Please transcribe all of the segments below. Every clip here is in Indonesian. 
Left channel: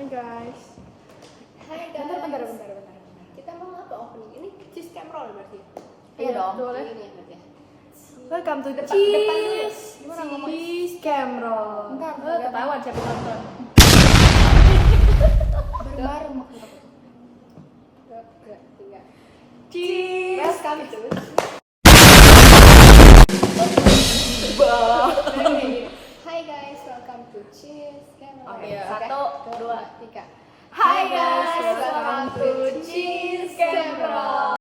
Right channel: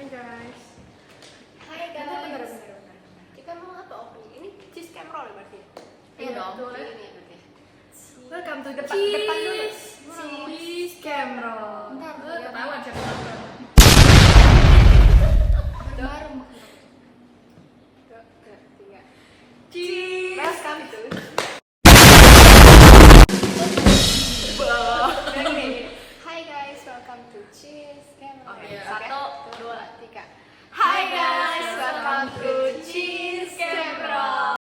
Hai guys. Hai guys. Bentar. Kita mau apa opening? Ini cheese cam roll berarti. Iya dong. Boleh. Ini berarti. Welcome to the Depan dulu. Cheese Camera. Bentar, ketahuan siapa nonton. Baru maksud aku. 2, 3. Cheese. Welcome to. Hai guys, welcome to Cheese Camera. Oke, Oke, 1, 2, 3. Hai guys, welcome to Cheese Camera.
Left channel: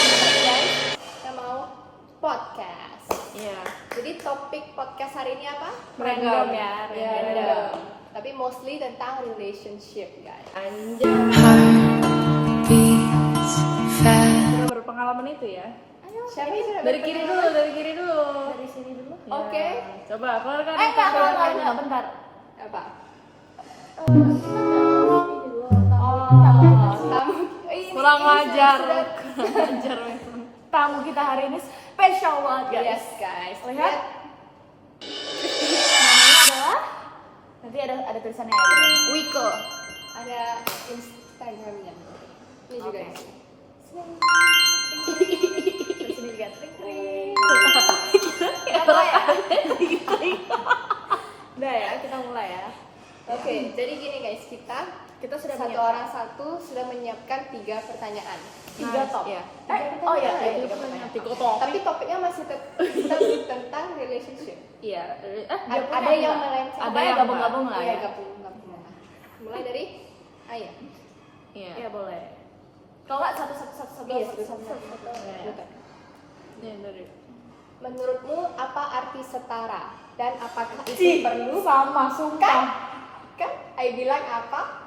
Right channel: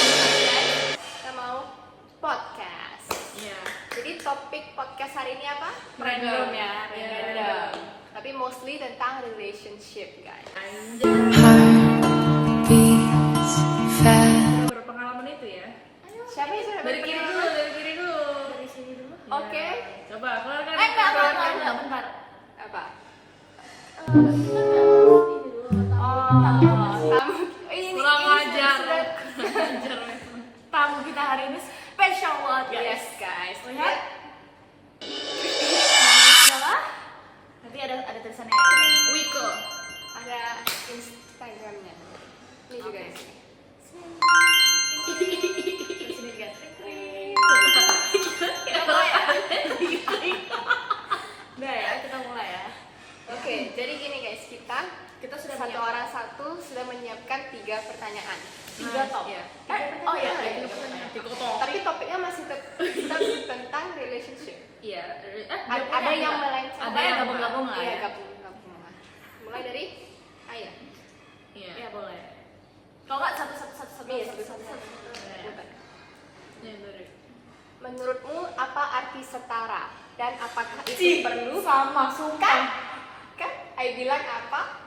Kita mau podcast. Iya. Jadi topik podcast hari ini apa? Random ya, Random. Tapi mostly tentang relationship, guys. Beats fast. Sudah berpengalaman itu ya. Siapa yang sudah Dari kiri dulu. Dari sini dulu. Iya. Oke. Coba keluarkan. Enggak, bentar. Apa? Oh, Tamu. Ini kurang ajar. sudah- Tamu kita hari ini spesial banget guys. Yes, guys. Lihat. Namanya adalah nanti ada tulisannya. Wiko. Ada Instagramnya. Ini juga Oke. di sini. Di sini juga. Udah ya, kita mulai ya. Oke, jadi gini guys, kita sudah satu orang satu sudah menyiapkan 3 pertanyaan. 3 top. Iya. Oh ya, Tiga tiga pertanyaan. Tapi topiknya masih tentang relationship. Iya. Ada yang melenceng. Ada yang gabung-gabung lah Iya, ya. gabung-gabung lah. Mulai dari Ayah. Iya. Iya boleh. Kalau nggak satu. Iya, Satu. Bukan. Iya, dari. Menurutmu apa arti setara dan apakah itu perlu? Sama sumpah. Kan? Ai bilang apa?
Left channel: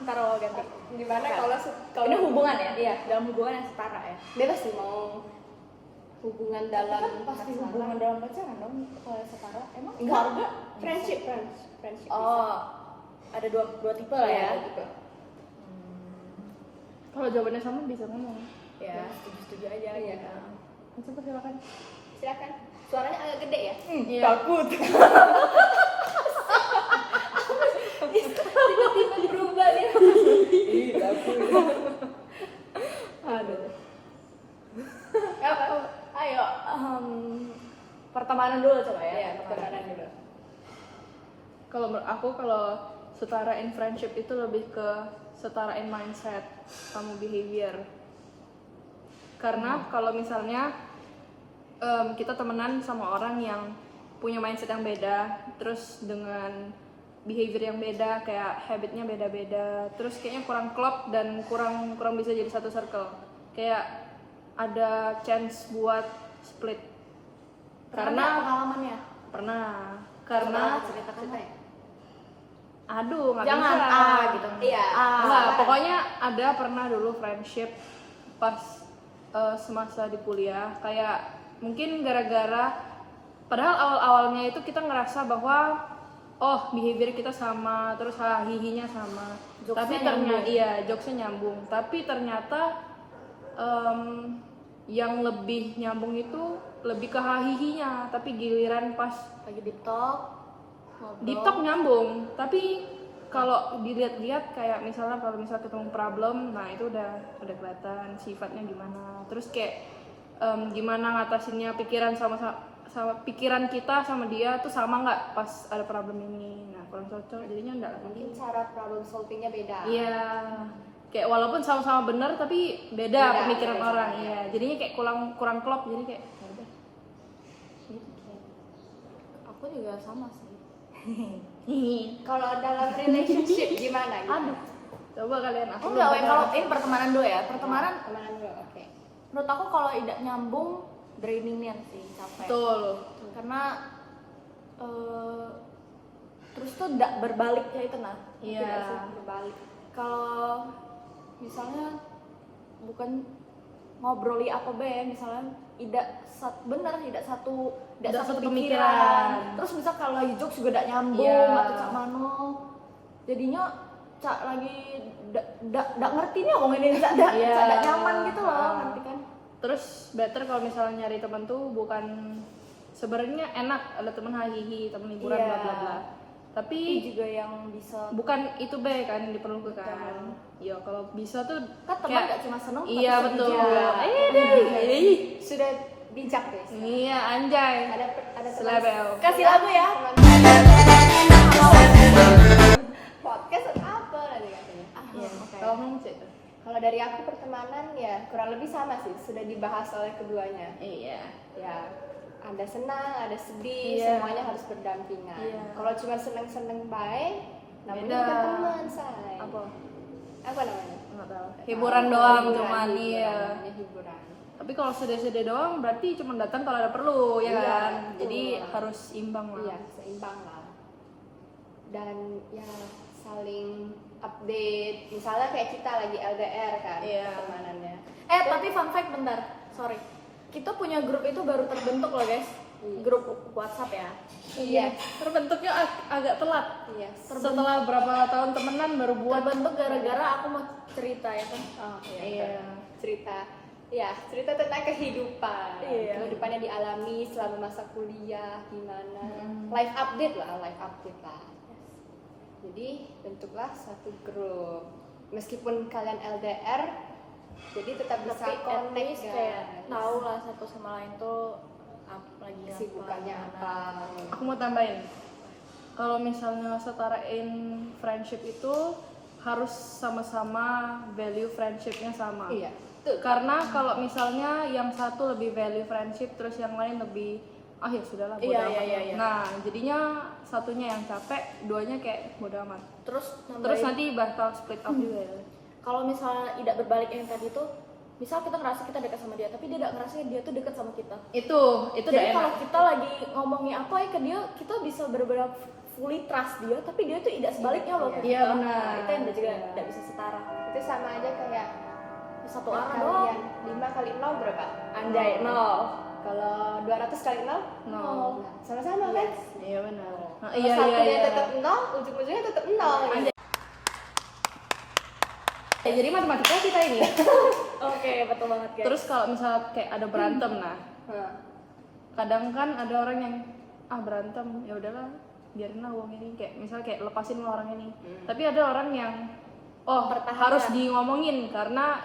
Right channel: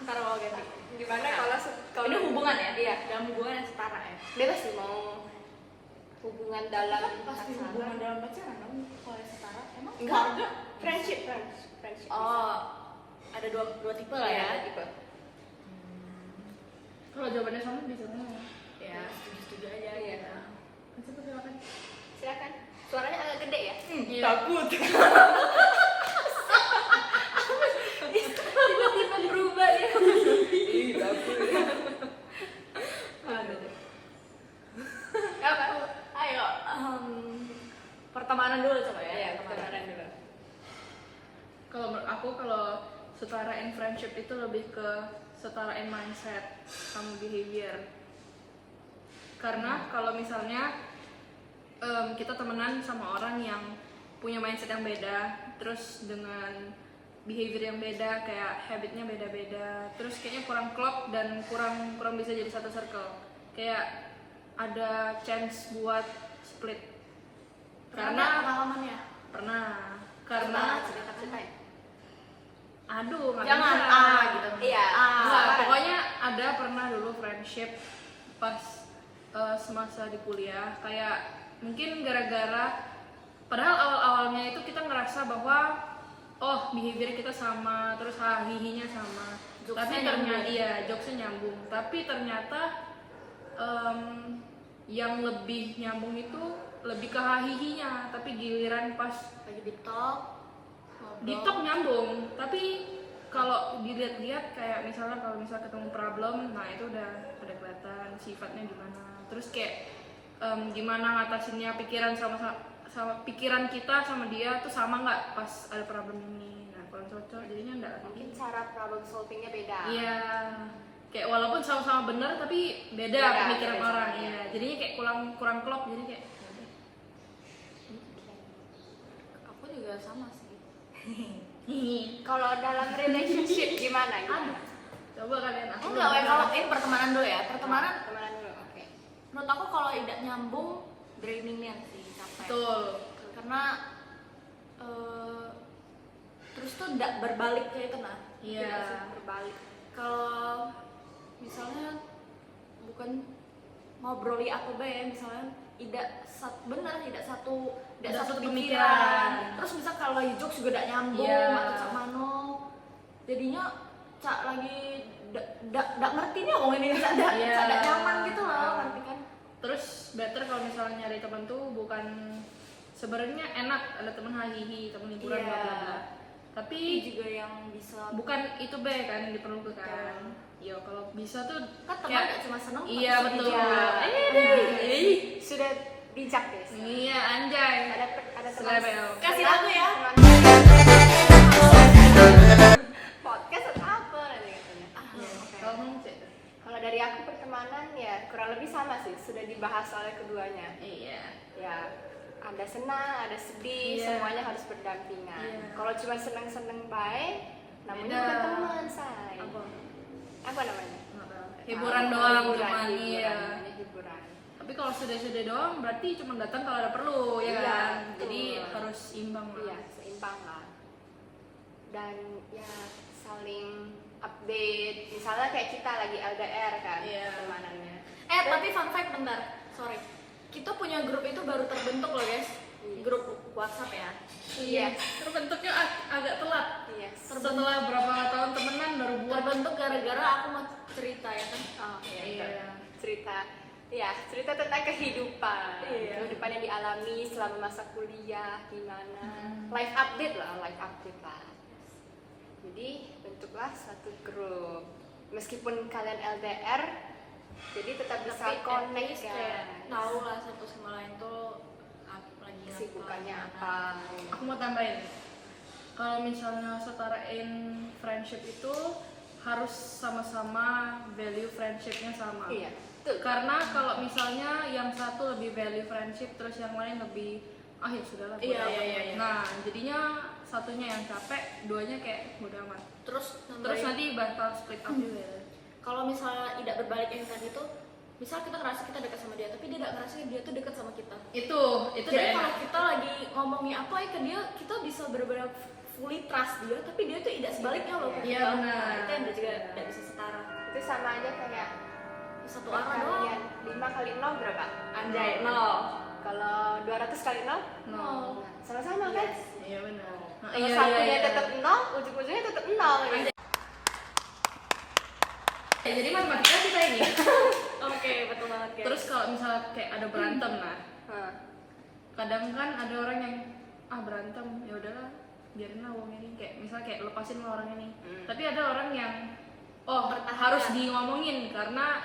Ntar lo ganti. Gimana Nah. kalau Ini hubungan ya? Iya. Dalam hubungan yang setara ya. Bebas sih mau hubungan dalam Kan pasti pacaran. hubungan dalam pacaran dong kalau yang setara. Emang Enggak. harga? Friendship. Oh, ada dua tipe lah ya. Iya, tipe. Kalau jawabannya sama bisa ngomong. Ya, setuju aja. Iya. Gitu. Coba silakan. Silakan. Suaranya agak gede ya. Iya. Takut. Tiba-tiba berubah ya. Aduh. Apa? Ayo, pertemanan dulu coba ya. Iya, pertemanan dulu. Kalau menurut aku kalau setara in friendship itu lebih ke setara in mindset sama behavior. Karena kalau misalnya kita temenan sama orang yang punya mindset yang beda, terus dengan behavior yang beda, kayak habitnya beda-beda, terus kayaknya kurang klop dan kurang bisa jadi satu circle. Kayak ada chance buat split. Karena pengalamannya. Karena cerita ya. aduh nggak Jangan bisa. gitu. Iya. Nggak, Sabar. pokoknya ada pernah dulu friendship pas semasa di kuliah, kayak mungkin gara-gara padahal awal-awalnya itu kita ngerasa bahwa oh behavior kita sama, terus hihinya sama, Jokesnya tapi nyambung. iya jokesnya nyambung, tapi ternyata yang lebih nyambung itu lebih ke hihinya, tapi giliran pas Lagi di talk. di talk nyambung, tapi kalau dilihat-lihat kayak misalnya ketemu problem, nah itu udah kelihatan sifatnya gimana, terus kayak gimana ngatasinnya, pikiran sama pikiran kita sama dia tuh sama nggak pas ada problem ini, nah kurang cocok jadinya enggak Mungkin lagi. cara problem solvingnya beda. Iya, kayak walaupun sama-sama benar tapi beda Beda, pemikiran beda orang, sama, iya iya. jadinya kayak kurang klop, jadi kayak ya udah. Aku juga sama sih. Kalau dalam relationship gimana? Aduh, coba kalian aku Enggak, belum kalau pernah. ini pertemanan dulu ya. Pertemanan Temenan dulu, oke. menurut aku kalau tidak nyambung drainingnya sih capek. Betul. Karena terus tuh tidak berbalik kayak itu nah. Iya. Tidak sih berbalik. Kalau misalnya bukan ngobroli apa be, misalnya tidak satu pemikiran. Terus misal kalau lagi jokes juga tidak nyambung Iya. atau cak mano, jadinya cak lagi ndak ngerti nih ngomong ini cak ndak Iya. nyaman gitu loh, ngerti kan? Terus better kalau misalnya nyari teman tuh bukan sebenarnya enak ada teman hahihi, teman hiburan Iya. bla bla bla. Tapi Tapi juga yang bisa bukan itu baik kan yang diperlukan. Betul. Ya kalau bisa tuh kan teman kayak- gak cuma seneng iya tapi sedih betul. juga. Sudah bijak guys. Iya anjay. Ada teman Selebel. Kasih lagu ya. Podcast atau apa nanti katanya. Iya. Oke. Kalau kamu sih. Kalau dari aku pertemanan ya kurang lebih sama sih, sudah dibahas oleh keduanya. Iya. Ya, ada senang, ada sedih, Iya. semuanya harus berdampingan. Iya. Kalau cuma seneng-seneng baik, namanya Beda. bukan teman, say. Apa? Apa namanya? Nggak tahu. Hiburan doang Hiburan, cuman hiburan, iya. namanya hiburan. Tapi kalau sedih-sedih doang berarti cuma datang kalau ada perlu ya Iya, kan. betul. Jadi harus imbang lah. Iya, seimbang lah. Dan ya saling update. Misalnya kayak kita lagi LDR kan, Iya. pertemanannya. Tapi fun fact bentar, sorry. Kita punya grup itu baru terbentuk loh guys. Iya. Grup WhatsApp ya. Iya. Terbentuknya agak telat. Iya. Setelah berapa tahun temenan baru buat. Terbentuk gara-gara aku mau cerita ya kan. Oh, iya. Iya. betul. Cerita tentang kehidupan. Iya. Kehidupan yang dialami selama masa kuliah gimana. Mm. Life update lah. Jadi bentuklah satu grup. Meskipun kalian LDR, jadi tetap bisa Tapi at connect least kayak guys. tahu lah satu sama lain tuh lagi Kesibukannya apa. Aku mau tambahin. Kalau misalnya setarain friendship itu harus sama-sama value friendshipnya sama. Iya, betul. Karena kalau misalnya yang satu lebih value friendship terus yang lain lebih ya sudahlah bodo Iya, amat. iya. Nah, jadinya satunya yang capek, duanya kayak bodo amat. Terus Terus nambahin, nanti bakal split up juga. kalau misalnya tidak berbalik yang tadi itu, misal kita ngerasa kita dekat sama dia, tapi dia tidak ngerasa dia tuh dekat sama kita. Itu Jadi udah kalau enak. kita lagi ngomongin apa ya ke dia, kita bisa benar-benar fully trust dia, tapi dia tuh tidak sebaliknya loh ke Iya, kita. benar. Nah, itu yang juga tidak bisa setara. Itu sama aja kayak Satu arah doang. kalian 5 kali 0 berapa? Anjay, nol. Kalau 200 kali 0? No. Nah, sama-sama kan? Iya benar. Nah, Kalau satunya tetap 0, ujung-ujungnya tetap 0 gitu. Jadi matematika kita ini. Oke, betul banget guys. Terus kalau misalnya kayak ada berantem nah, Hah. kadang kan ada orang yang berantem ya udahlah biarin lah uang ini kayak misalnya kayak lepasin lah orang ini. Tapi ada orang yang Mempertahankan. harus di ngomongin karena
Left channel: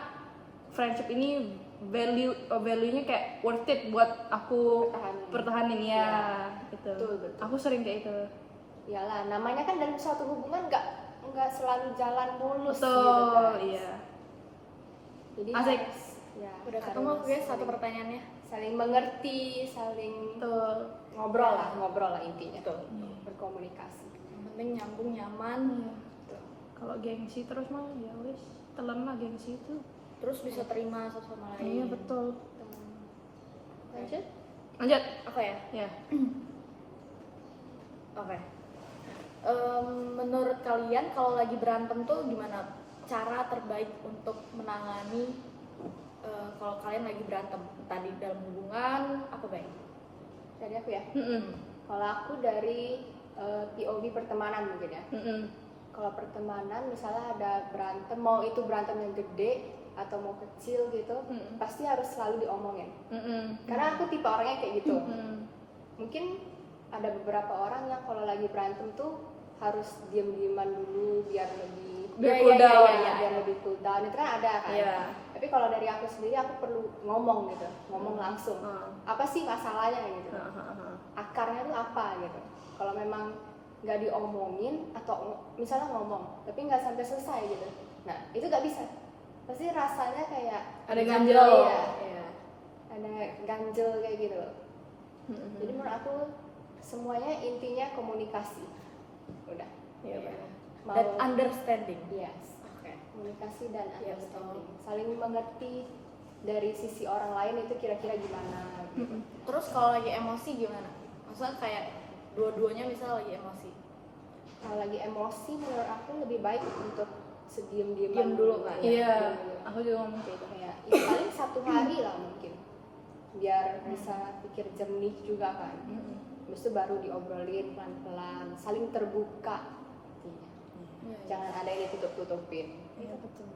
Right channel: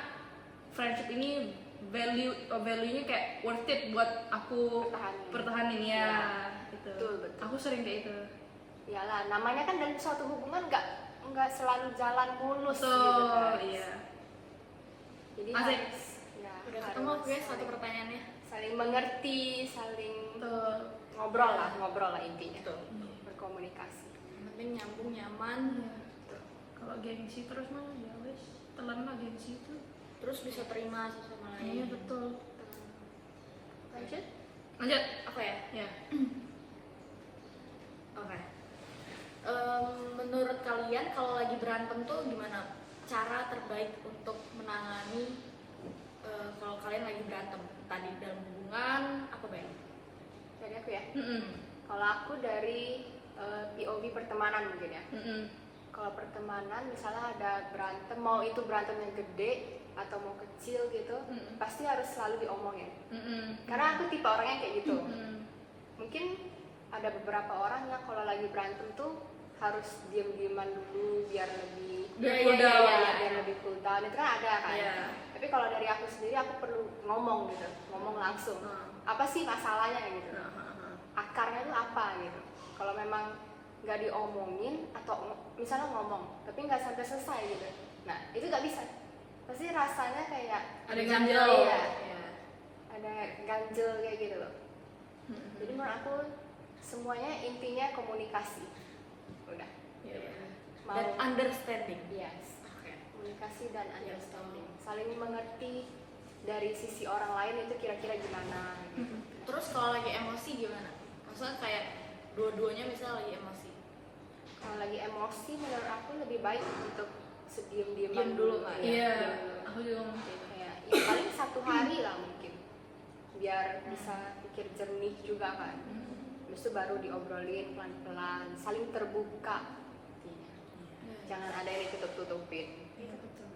friendship ini value-nya kayak worth it buat aku pertahanin ya Iya. gitu. Betul, betul. Aku sering kayak itu. Iyalah, namanya kan dalam suatu hubungan nggak selalu jalan mulus Betul, gitu kan. iya. Jadi Asik. harus ya Udah harus ketemu guys satu saling- pertanyaannya. saling mengerti, saling Betul. ngobrol lah intinya. Betul. Berkomunikasi. Yang penting nyambung, nyaman, Betul. Kalau gengsi terus mah ya wes telan lah gengsi itu. terus bisa terima satu sama lain. Iya betul. Lanjut. Lanjut. Apa ya? Ya. Oke. Menurut kalian kalau lagi berantem tuh gimana cara terbaik untuk menangani kalau kalian lagi berantem tadi dalam hubungan apa baik? Dari aku ya. Mm-mm. Kalau aku dari POV pertemanan mungkin ya. Mm-mm. Kalau pertemanan misalnya ada berantem, mau itu berantem yang gede atau mau kecil gitu, Mm-mm. pasti harus selalu diomongin. Mm-mm. Karena aku tipe orangnya kayak gitu. Mm-mm. Mungkin ada beberapa orang yang kalau lagi berantem tuh harus diem-dieman dulu biar lebih Biar cool down. biar lebih cool down. Itu kan ada kan. Iya. Tapi kalau dari aku sendiri aku perlu ngomong gitu, ngomong langsung. Apa sih masalahnya gitu? Akarnya tuh apa gitu? Kalau memang nggak diomongin atau misalnya ngomong tapi nggak sampai selesai gitu, nah itu nggak bisa. Pasti rasanya kayak Ada ganjel. Iya. Iya. Ada ganjel kayak gitu. Mm-mm. Jadi menurut aku semuanya intinya komunikasi. Udah. Iya. Mau Dan understanding. yes. Oke. Komunikasi dan Iya, understanding. Saling mengerti dari sisi orang lain itu kira-kira gimana gitu. Terus kalau lagi emosi gimana? Maksudnya kayak dua-duanya misal lagi emosi. Kalau lagi emosi menurut aku lebih baik untuk sediem-dieman Diam dulu nggak ya? Iya. Diam dulu. Aku juga ngomong kayak gitu. Kayak ya paling 1 hari lah mungkin. Biar bisa pikir jernih juga kan. Habis itu baru diobrolin pelan-pelan, saling terbuka intinya. Jangan ada yang ditutup-tutupin. Iya betul.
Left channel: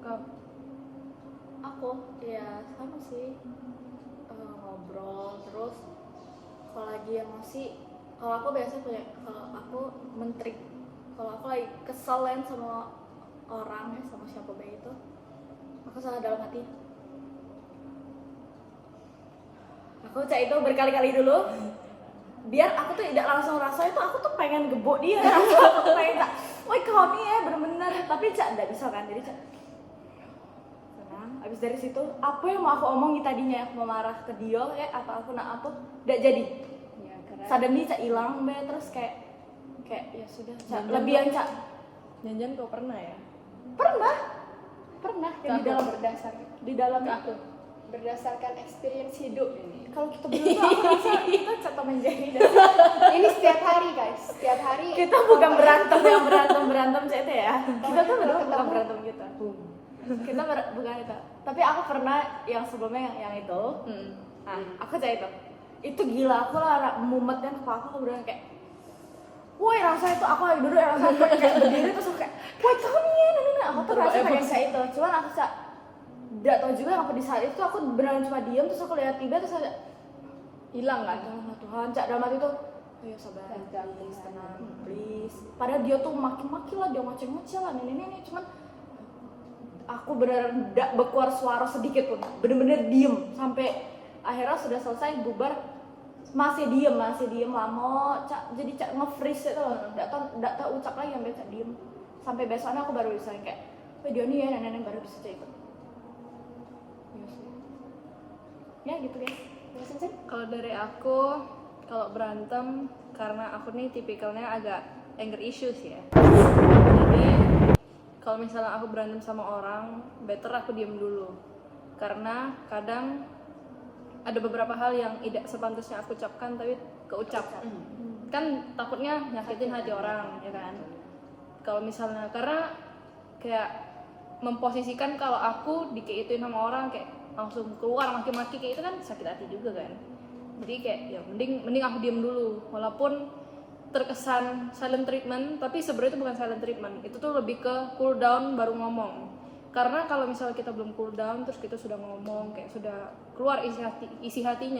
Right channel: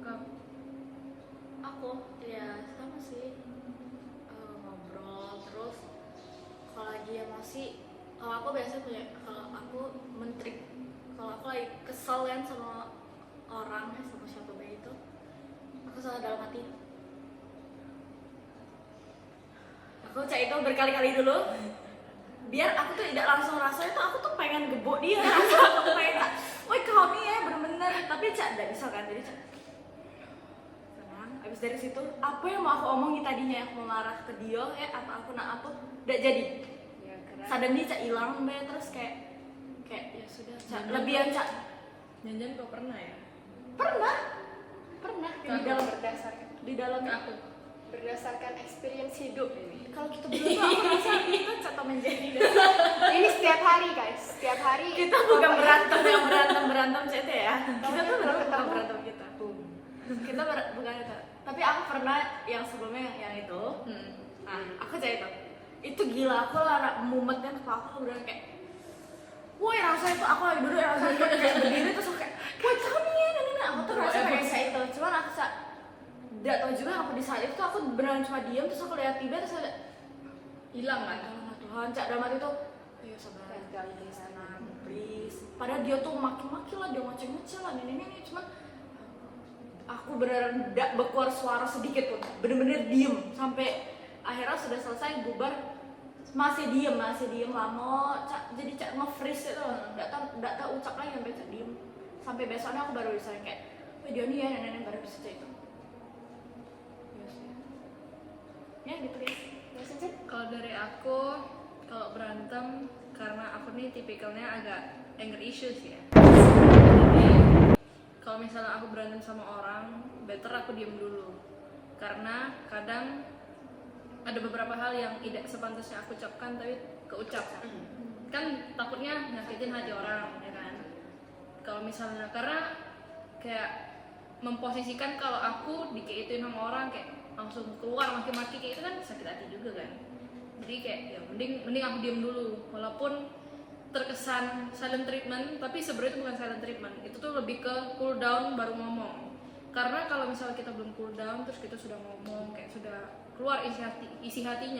Kak, Aku ya sama sih, ngobrol terus. Kalau lagi emosi, kalau aku biasa punya, kalau aku mentrik, kalau aku lagi kesel kan sama orang ya, sama siapa baik itu, aku salah dalam hati, aku cak itu berkali-kali dulu biar aku tuh tidak langsung rasa itu, aku tuh pengen gebuk dia langsung. Aku tuh pengen cak, woi kau nih ya bener-bener, tapi cak tidak bisa kan, jadi cak tenang. Abis dari situ apa yang mau aku omongin tadinya, aku mau marah ke dia ya atau aku nak apa, tidak jadi. Ya, karena Suddenly cak hilang be, terus kayak ya sudah cak lebihan cak. Jangan kau pernah ya? Pernah Kan di dalam berdasarkan Aku experience hidup ini. kalau kita berdua tuh aku rasa kita contoh menjadi Ini setiap hari guys, setiap hari kita bukan berantem yang berantem saya itu ya, kita tuh benar bukan ketemu. berantem kita bukan itu, tapi aku pernah yang sebelumnya yang itu, aku cerita itu gila, aku lah anak mumet kan, kepala aku beneran kayak, woi rasa itu aku lagi duduk, rasa kayak berdiri terus aku kayak, woi kamu nih ya, aku tuh rasa pengen kayak itu, cuman aku tidak tahu juga apa di saat itu aku beneran cuma diam, terus aku lihat tiba terus kayak hilang kan? aduh Tuhan, cak dalam hati tuh, ayo sabar, Tenang, please, tenang, tenang. please. Padahal dia tuh maki-maki lah, dia ngoceh-ngoceh lah, ini, cuman aku beneran tidak berkeluar suara sedikit pun, bener-bener diem sampai akhirnya sudah selesai bubar, masih diem lama, cak jadi cak nge-freeze itu, tidak tahu ucap lagi sampai cak diem, sampai besoknya aku baru bisa kayak, dia nih ya nenek baru bisa cerita. Ya gitu guys. Ya, Sinsin? Kalau dari aku, kalau berantem, karena aku nih tipikalnya agak anger issues ya. Jadi kalau misalnya aku berantem sama orang, better aku diem dulu. Karena kadang ada beberapa hal yang tidak sepantasnya aku ucapkan tapi keucap. Kan takutnya nyakitin hati orang, ya kan? Kalau misalnya, karena kayak memposisikan kalau aku dikaituin sama orang kayak langsung keluar maki-maki kayak itu kan sakit hati juga kan. Jadi kayak ya mending aku diem dulu, walaupun terkesan silent treatment, tapi sebenarnya itu bukan silent treatment, itu tuh lebih ke cool down baru ngomong. Karena kalau misalnya kita belum cool down terus kita sudah ngomong kayak sudah keluar isi hati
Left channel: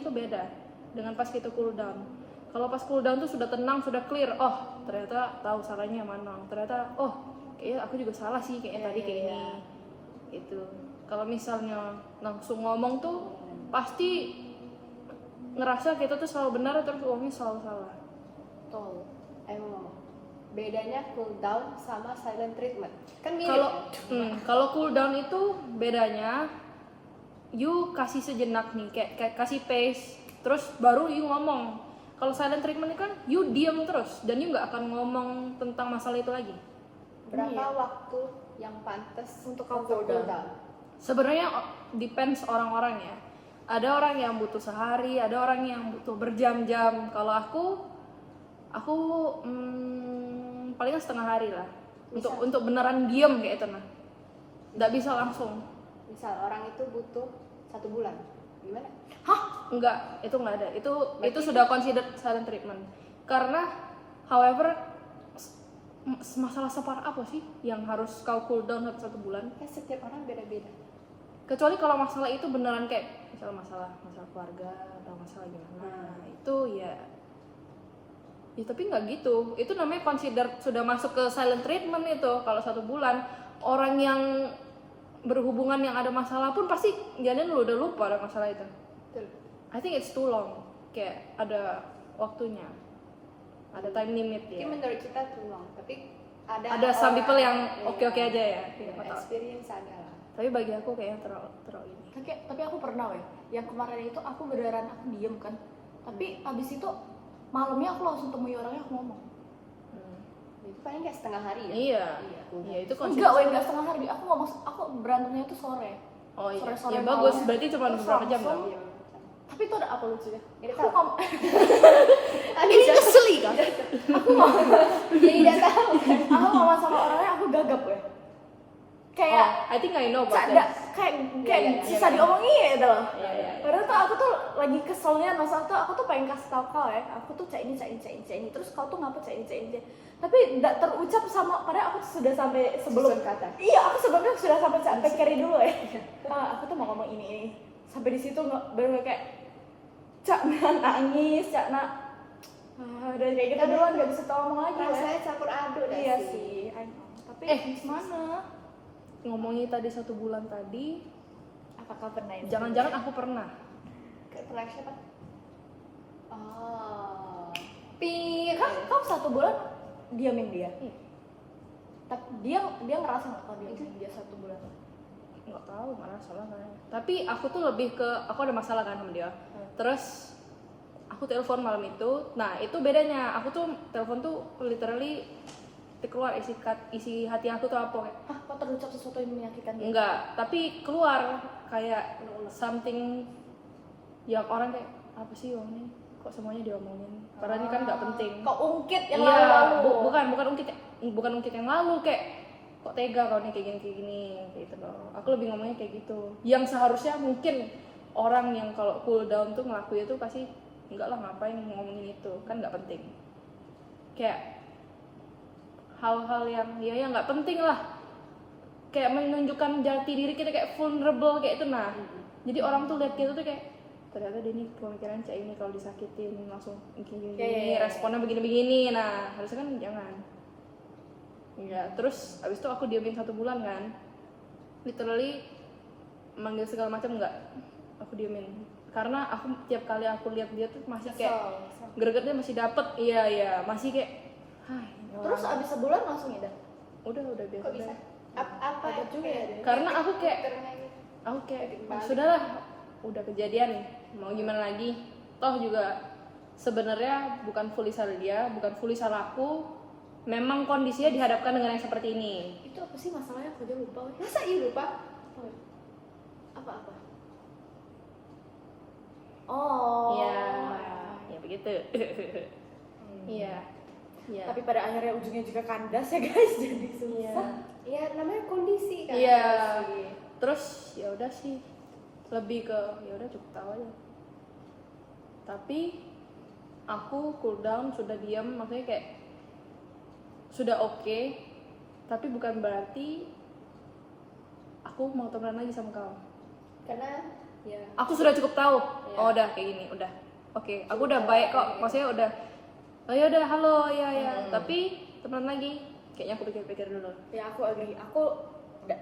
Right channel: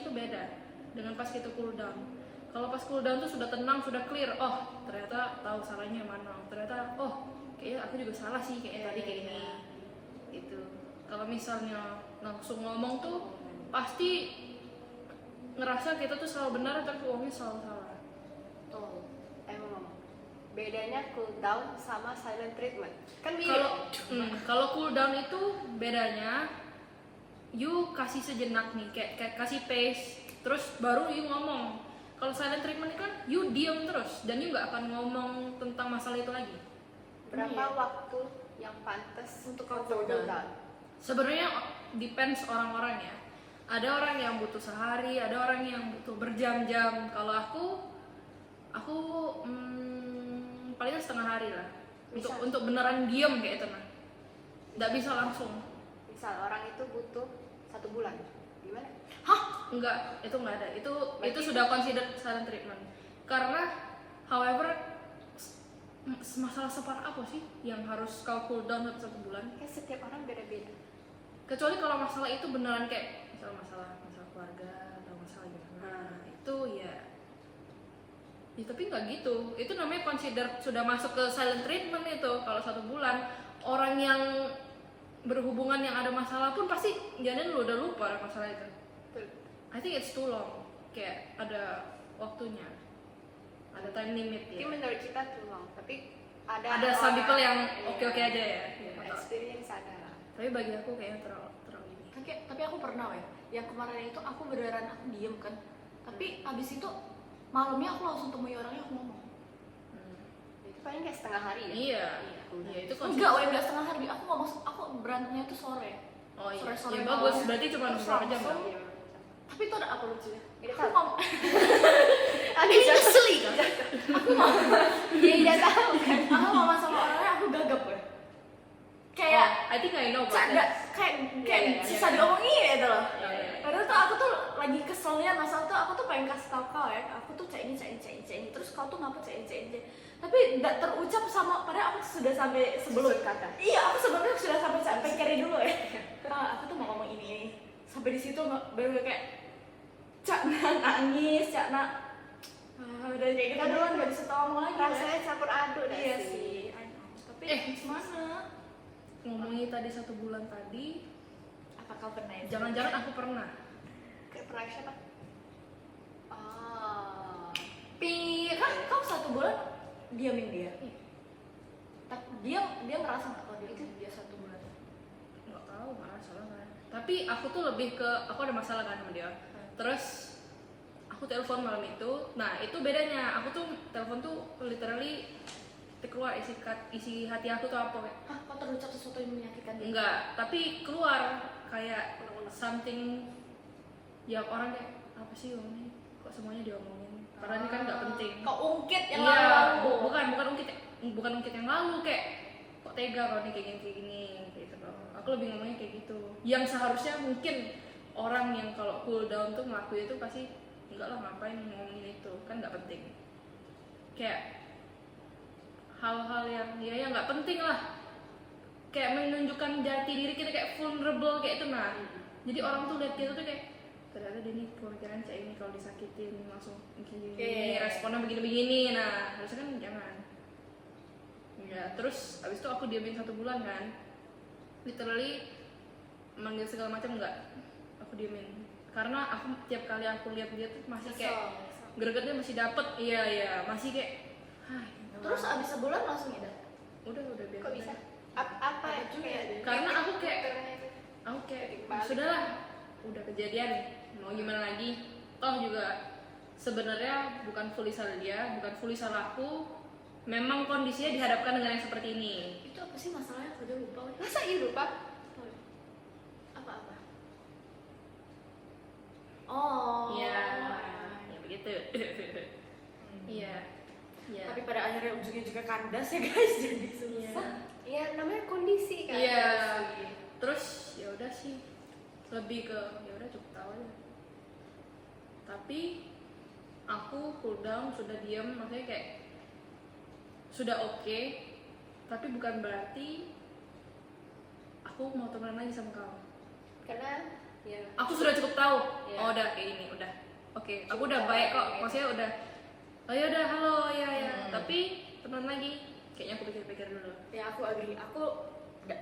itu beda dengan pas kita cool down. Kalau pas cool down tuh sudah tenang, sudah clear, oh ternyata tahu salahnya mana, ternyata oh kayaknya aku juga salah sih kayak tadi kayak ini itu. Kalau misalnya langsung ngomong tuh pasti ngerasa kita tuh selalu benar terus uangnya selalu salah. Tuh, emang ngomong. Bedanya cool down sama silent treatment. Kan mirip. Kalau cool down itu bedanya you kasih sejenak nih kayak kasih pace terus baru you ngomong. Kalau silent treatment kan you diam terus dan you nggak akan ngomong tentang masalah itu lagi. Berapa waktu yang pantas Untuk cool cool down? Sebenarnya depends orang-orang ya. Ada orang yang butuh sehari, ada orang yang butuh berjam-jam. Kalau aku palingan setengah hari lah. Untuk beneran diem kayak itu nah. Nggak bisa langsung. Misal orang itu butuh 1 bulan, gimana? Hah? Enggak, itu nggak ada. Itu sudah considered silent treatment. Karena, however, masalah separah apa sih yang harus kau cool down 1 bulan? Kan setiap orang beda-beda. Kecuali kalau masalah itu beneran kayak masalah keluarga atau masalah gimana, itu ya tapi nggak gitu. Itu namanya consider sudah masuk ke silent treatment itu. Kalau 1 bulan orang yang berhubungan yang ada masalah pun pasti jangan lu udah lupa ada masalah itu. Betul. I think it's too long. Kayak ada waktunya, ada time limit Mungkin ya. menurut kita too long, tapi ada Some orang- people yang iya, oke-oke aja ya. iya, Iya. experience ada lah. Tapi bagi aku kayaknya terlalu ini. Tapi aku pernah yang kemarin itu aku beneran aku diem kan, tapi abis itu malamnya aku langsung temui orangnya, aku ngomong. Itu paling kayak setengah hari ya. Iya. Ya itu Enggak, enggak setengah hari, aku ngomong, aku berantemnya itu sore. Oh iya. Sore-sore Ya, malam. bagus. Berarti cuma Terus beberapa jam langsung- dong. Iya, Tapi itu ada apa lucunya? Ini Aku tahu. ngomong, Ada jatuh. kan? aku ngomong, Jadi tidak tahu kan. aku ngomong sama orangnya, aku gagap kayak I think I know about cak, that. kayak Iya, iya, susah diomongin gitu loh. Iya, iya. Padahal tuh aku tuh lagi keselnya masalah tuh aku tuh pengen kasih tau kau ya, aku tuh cak ini, terus kau tuh ngapa cak ini. Tapi nggak terucap sama, padahal aku tuh sudah sampai sebelum Susun kata. Iya, aku sebelumnya sudah sampai cak carry dulu ya. Aku tuh mau ngomong ini. Sampai di situ baru kayak cak nangis, cak dan kayak gitu duluan nggak bisa ngomong lagi. Rasanya campur aduk deh. Iya sih, I know. Tapi gimana? Ngomongin tadi 1 bulan tadi, Apakah pernah? jangan-jangan aku pernah. Kayak pernah siapa? Pit. Kau 1 bulan diamin dia? Tapi dia ngerasa nggak kalau dia 1 bulan? Nggak tahu, malah salah kan. Tapi aku tuh lebih ke, aku ada masalah kan sama dia. Terus aku telepon malam itu. Nah itu bedanya, aku tuh telepon tuh literally keluar isi hati aku tuh apa kayak Kok terucap sesuatu yang menyakitkan dia? enggak, tapi keluar kayak something yang orang kayak apa sih orang ini kok semuanya diomongin, padahal ini kan nggak penting. Kok ungkit yang Iya, lalu-lalu? bukan ungkit yang lalu, kayak kok tega kalau nih kayak gini kayak gitu loh. Aku lebih ngomongnya kayak gitu, yang seharusnya mungkin orang yang kalau cool down tuh ngelakuin itu pasti enggak lah, ngapain ngomongin itu kan nggak penting, kayak hal-hal yang ya nggak penting lah, kayak menunjukkan jati diri kita kayak vulnerable kayak itu. Nah jadi orang tuh lihat kita tuh kayak ternyata dia nih pemikiran kayak ini, kalau disakitin langsung gini, responnya begini. Nah harusnya kan jangan ya. Terus abis itu aku diamin 1 bulan kan, literally manggil segala macam enggak, aku diamin karena aku tiap kali aku lihat dia tuh masih kayak gregetnya masih dapet. Iya masih kayak Terus abis sebulan langsung ya? udah biasa. Kok bisa? Apa juga ya? Karena aku kayak Balik. sudahlah, udah kejadian, mau gimana lagi, toh juga sebenarnya bukan fully salah dia, bukan fully salah aku, memang kondisinya dihadapkan dengan yang seperti ini. Itu apa sih masalahnya? Aku aja lupa. Masa iya lupa? Apa? Oh. Ya begitu. Iya. Tapi pada akhirnya ujungnya juga kandas ya guys, jadi susah. Iya, namanya kondisi kan. Iya. Terus ya udah sih, lebih ke ya udah cukup tahu aja. Tapi aku cool down, sudah diam, maksudnya kayak sudah oke, tapi bukan berarti aku mau temenan lagi sama kau. Karena ya Aku sudah cukup tahu. Iya. Oh udah kayak gini, udah. Oke, aku udah baik kok. Maksudnya udah. Oh ya udah, halo ya. Tapi temenan lagi. Kayaknya aku pikir-pikir dulu. Ya aku agree. Aku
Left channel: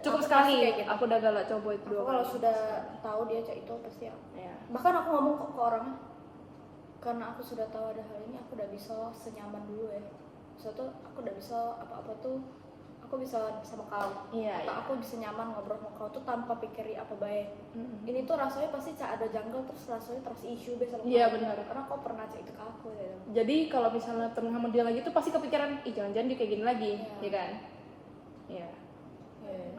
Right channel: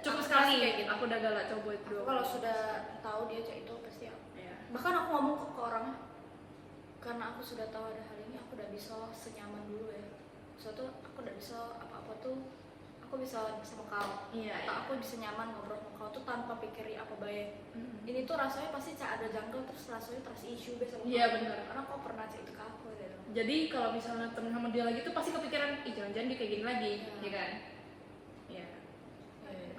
Cukup aku sekali. pasti kayak gitu. Aku udah galak coba itu Aku dua kalau kali. sudah tahu dia cak itu pasti aku. Ya. Bahkan aku ngomong kok ke orangnya, karena aku sudah tahu ada hal ini, aku udah bisa senyaman dulu ya. Suatu aku udah bisa apa-apa tuh aku bisa sama kau. Iya, Atau iya. aku bisa nyaman ngobrol sama kau tuh tanpa pikiri apa baik. Ini tuh rasanya pasti cak ada jungle, terus rasanya trust issue sama kau. Iya, benar. Karena kau pernah cak itu ke aku ya. Jadi kalau misalnya temen sama dia lagi tuh pasti kepikiran, ih jangan-jangan dia kayak gini lagi, ya kan? Ya.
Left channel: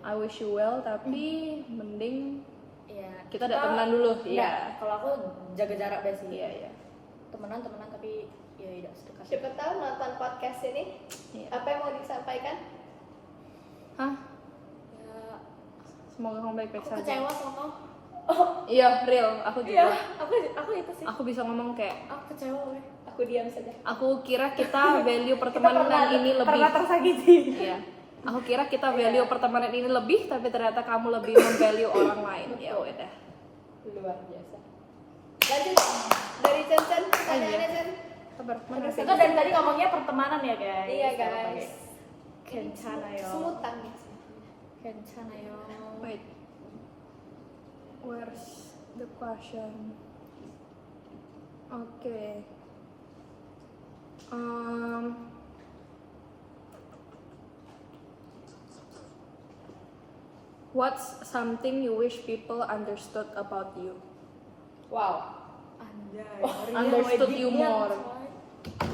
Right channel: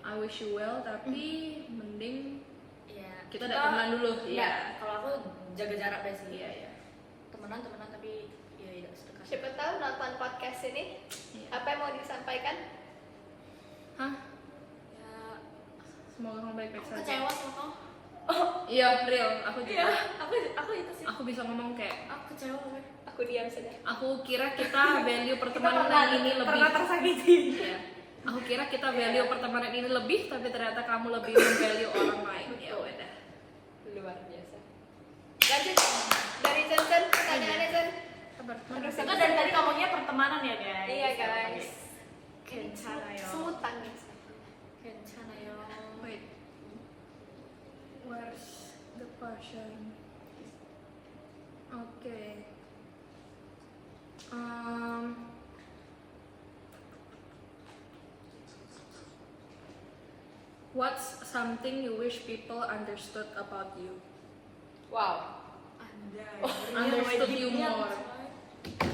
I wish you well, tapi mending Iya. kita udah temenan dulu. Iya. Iya. Kalau aku jaga jarak deh sih. Iya. Temenan tapi ya tidak sedekat. siapa tahu nonton podcast ini Iya. apa yang mau disampaikan? Hah? Ya, Semoga kamu baik-baik aku saja. kecewa sama kau. Iya, real. Aku Iya, juga. aku itu sih. Aku bisa ngomong kayak, Aku kecewa. Aku diam saja. aku kira kita value pertemanan ini lebih. Pernah tersakiti. Iya. Aku kira kita value pertemanan ini lebih, tapi ternyata kamu lebih memvalue orang lain. Ya udah. Luar biasa. Lanjut dari Chen, pertanyaannya Chen. Sabar. Mana sih? Kita dari tadi ngomongnya pertemanan ya guys. Iya guys. Kencana yo. Semutan ya. Kencana yo. Wait. Where's the question? Okay. What's something you wish people understood about you? Wow. Anjay. Understood you more.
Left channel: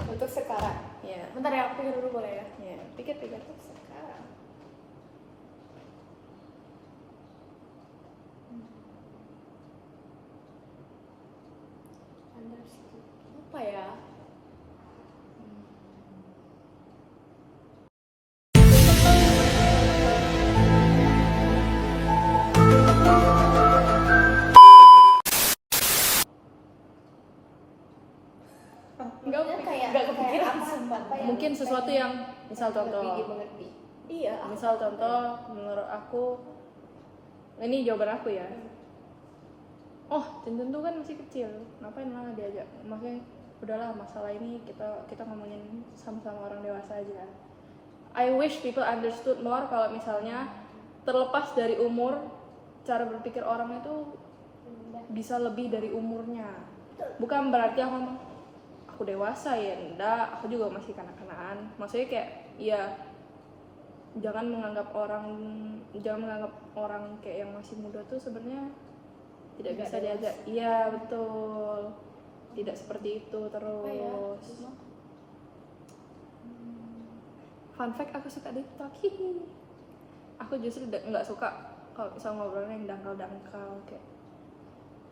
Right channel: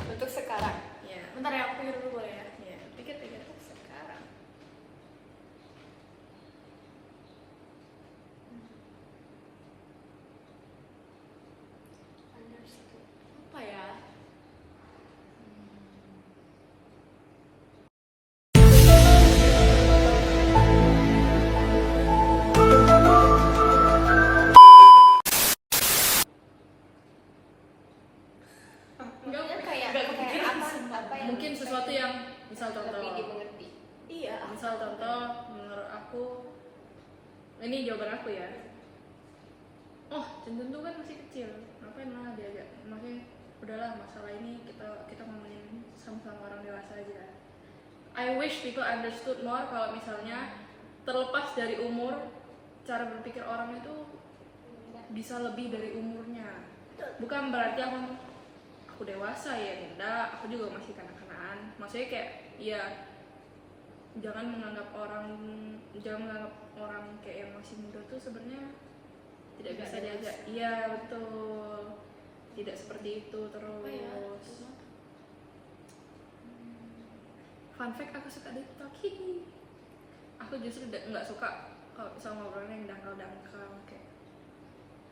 Untuk sekarang. Ya. Bentar ya, aku pikir dulu boleh ya. Ya. Pikir-pikir. Sekarang. Understood. Apa ya? apa yang mungkin sesuatu pengen yang misal contoh lebih dimengerti. Iya. misal contoh menurut aku ini jawaban aku ya. Oh, Cincin tuh kan masih kecil, ngapain lah diajak? Maksudnya udahlah masalah ini kita ngomongin sama-sama orang dewasa aja. I wish people understood more kalau misalnya terlepas dari umur, cara berpikir orang itu bisa lebih dari umurnya. Bukan berarti aku ngomong aku dewasa ya, enggak, aku juga masih kanak-kanakan. Maksudnya kayak ya jangan menganggap orang kayak yang masih muda tuh sebenarnya tidak bisa diajak. Iya betul, tidak seperti itu terus. Fun fact, aku suka TikTok. Aku justru nggak suka kalau misal ngobrolnya yang dangkal kayak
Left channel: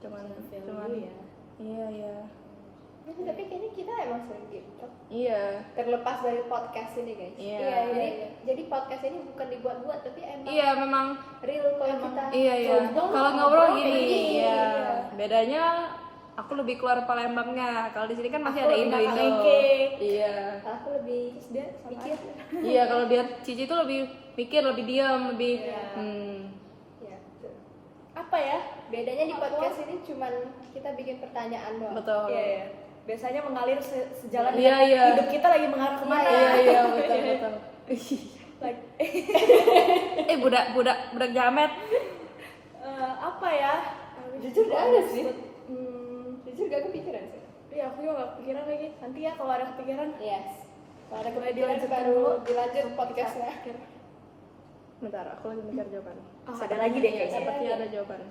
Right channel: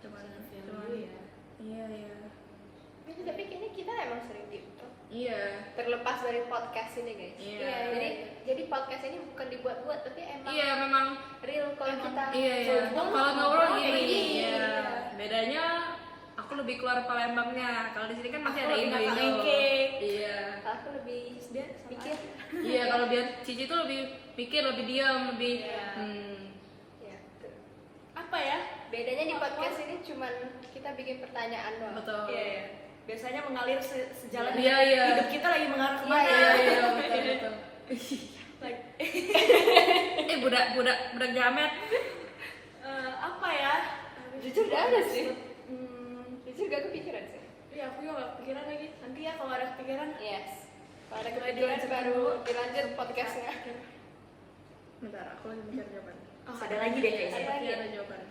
cuman ya. iya. Tapi kayaknya kita emang sering TikTok. Iya. Terlepas dari podcast ini guys. Iya. Jadi podcast ini bukan dibuat-buat tapi emang Iya memang. real kalau kita. Iya. Kalau ngobrol gini, Iya. Bedanya aku lebih keluar Palembangnya. Kalau di sini kan masih Aku ada lebih Indo. nakal-nakal. Iya. Aku lebih mikir. Iya, kalau biar Cici tuh lebih pikir, lebih diam, lebih Iya. Ya, betul. Apa ya? Bedanya di podcast ini cuman kita bikin pertanyaan doang. betul. Iya. Biasanya mengalir sejalan Iya, dengan iya. hidup kita lagi mengarah kemana. Iya, betul. Like, budak jamet. apa ya? Jujur gak ada sih. Hmm, Jujur gak kepikiran sih. Iya, aku juga gak kepikiran lagi. Nanti ya kalau ada kepikiran. Yes. Kalau ada Boleh kepikiran dilanjutkan baru dulu. dilanjut podcastnya. Bentar, aku lagi mikir jawaban. Oh, ada lagi deh kayaknya. Seperti ada jawaban.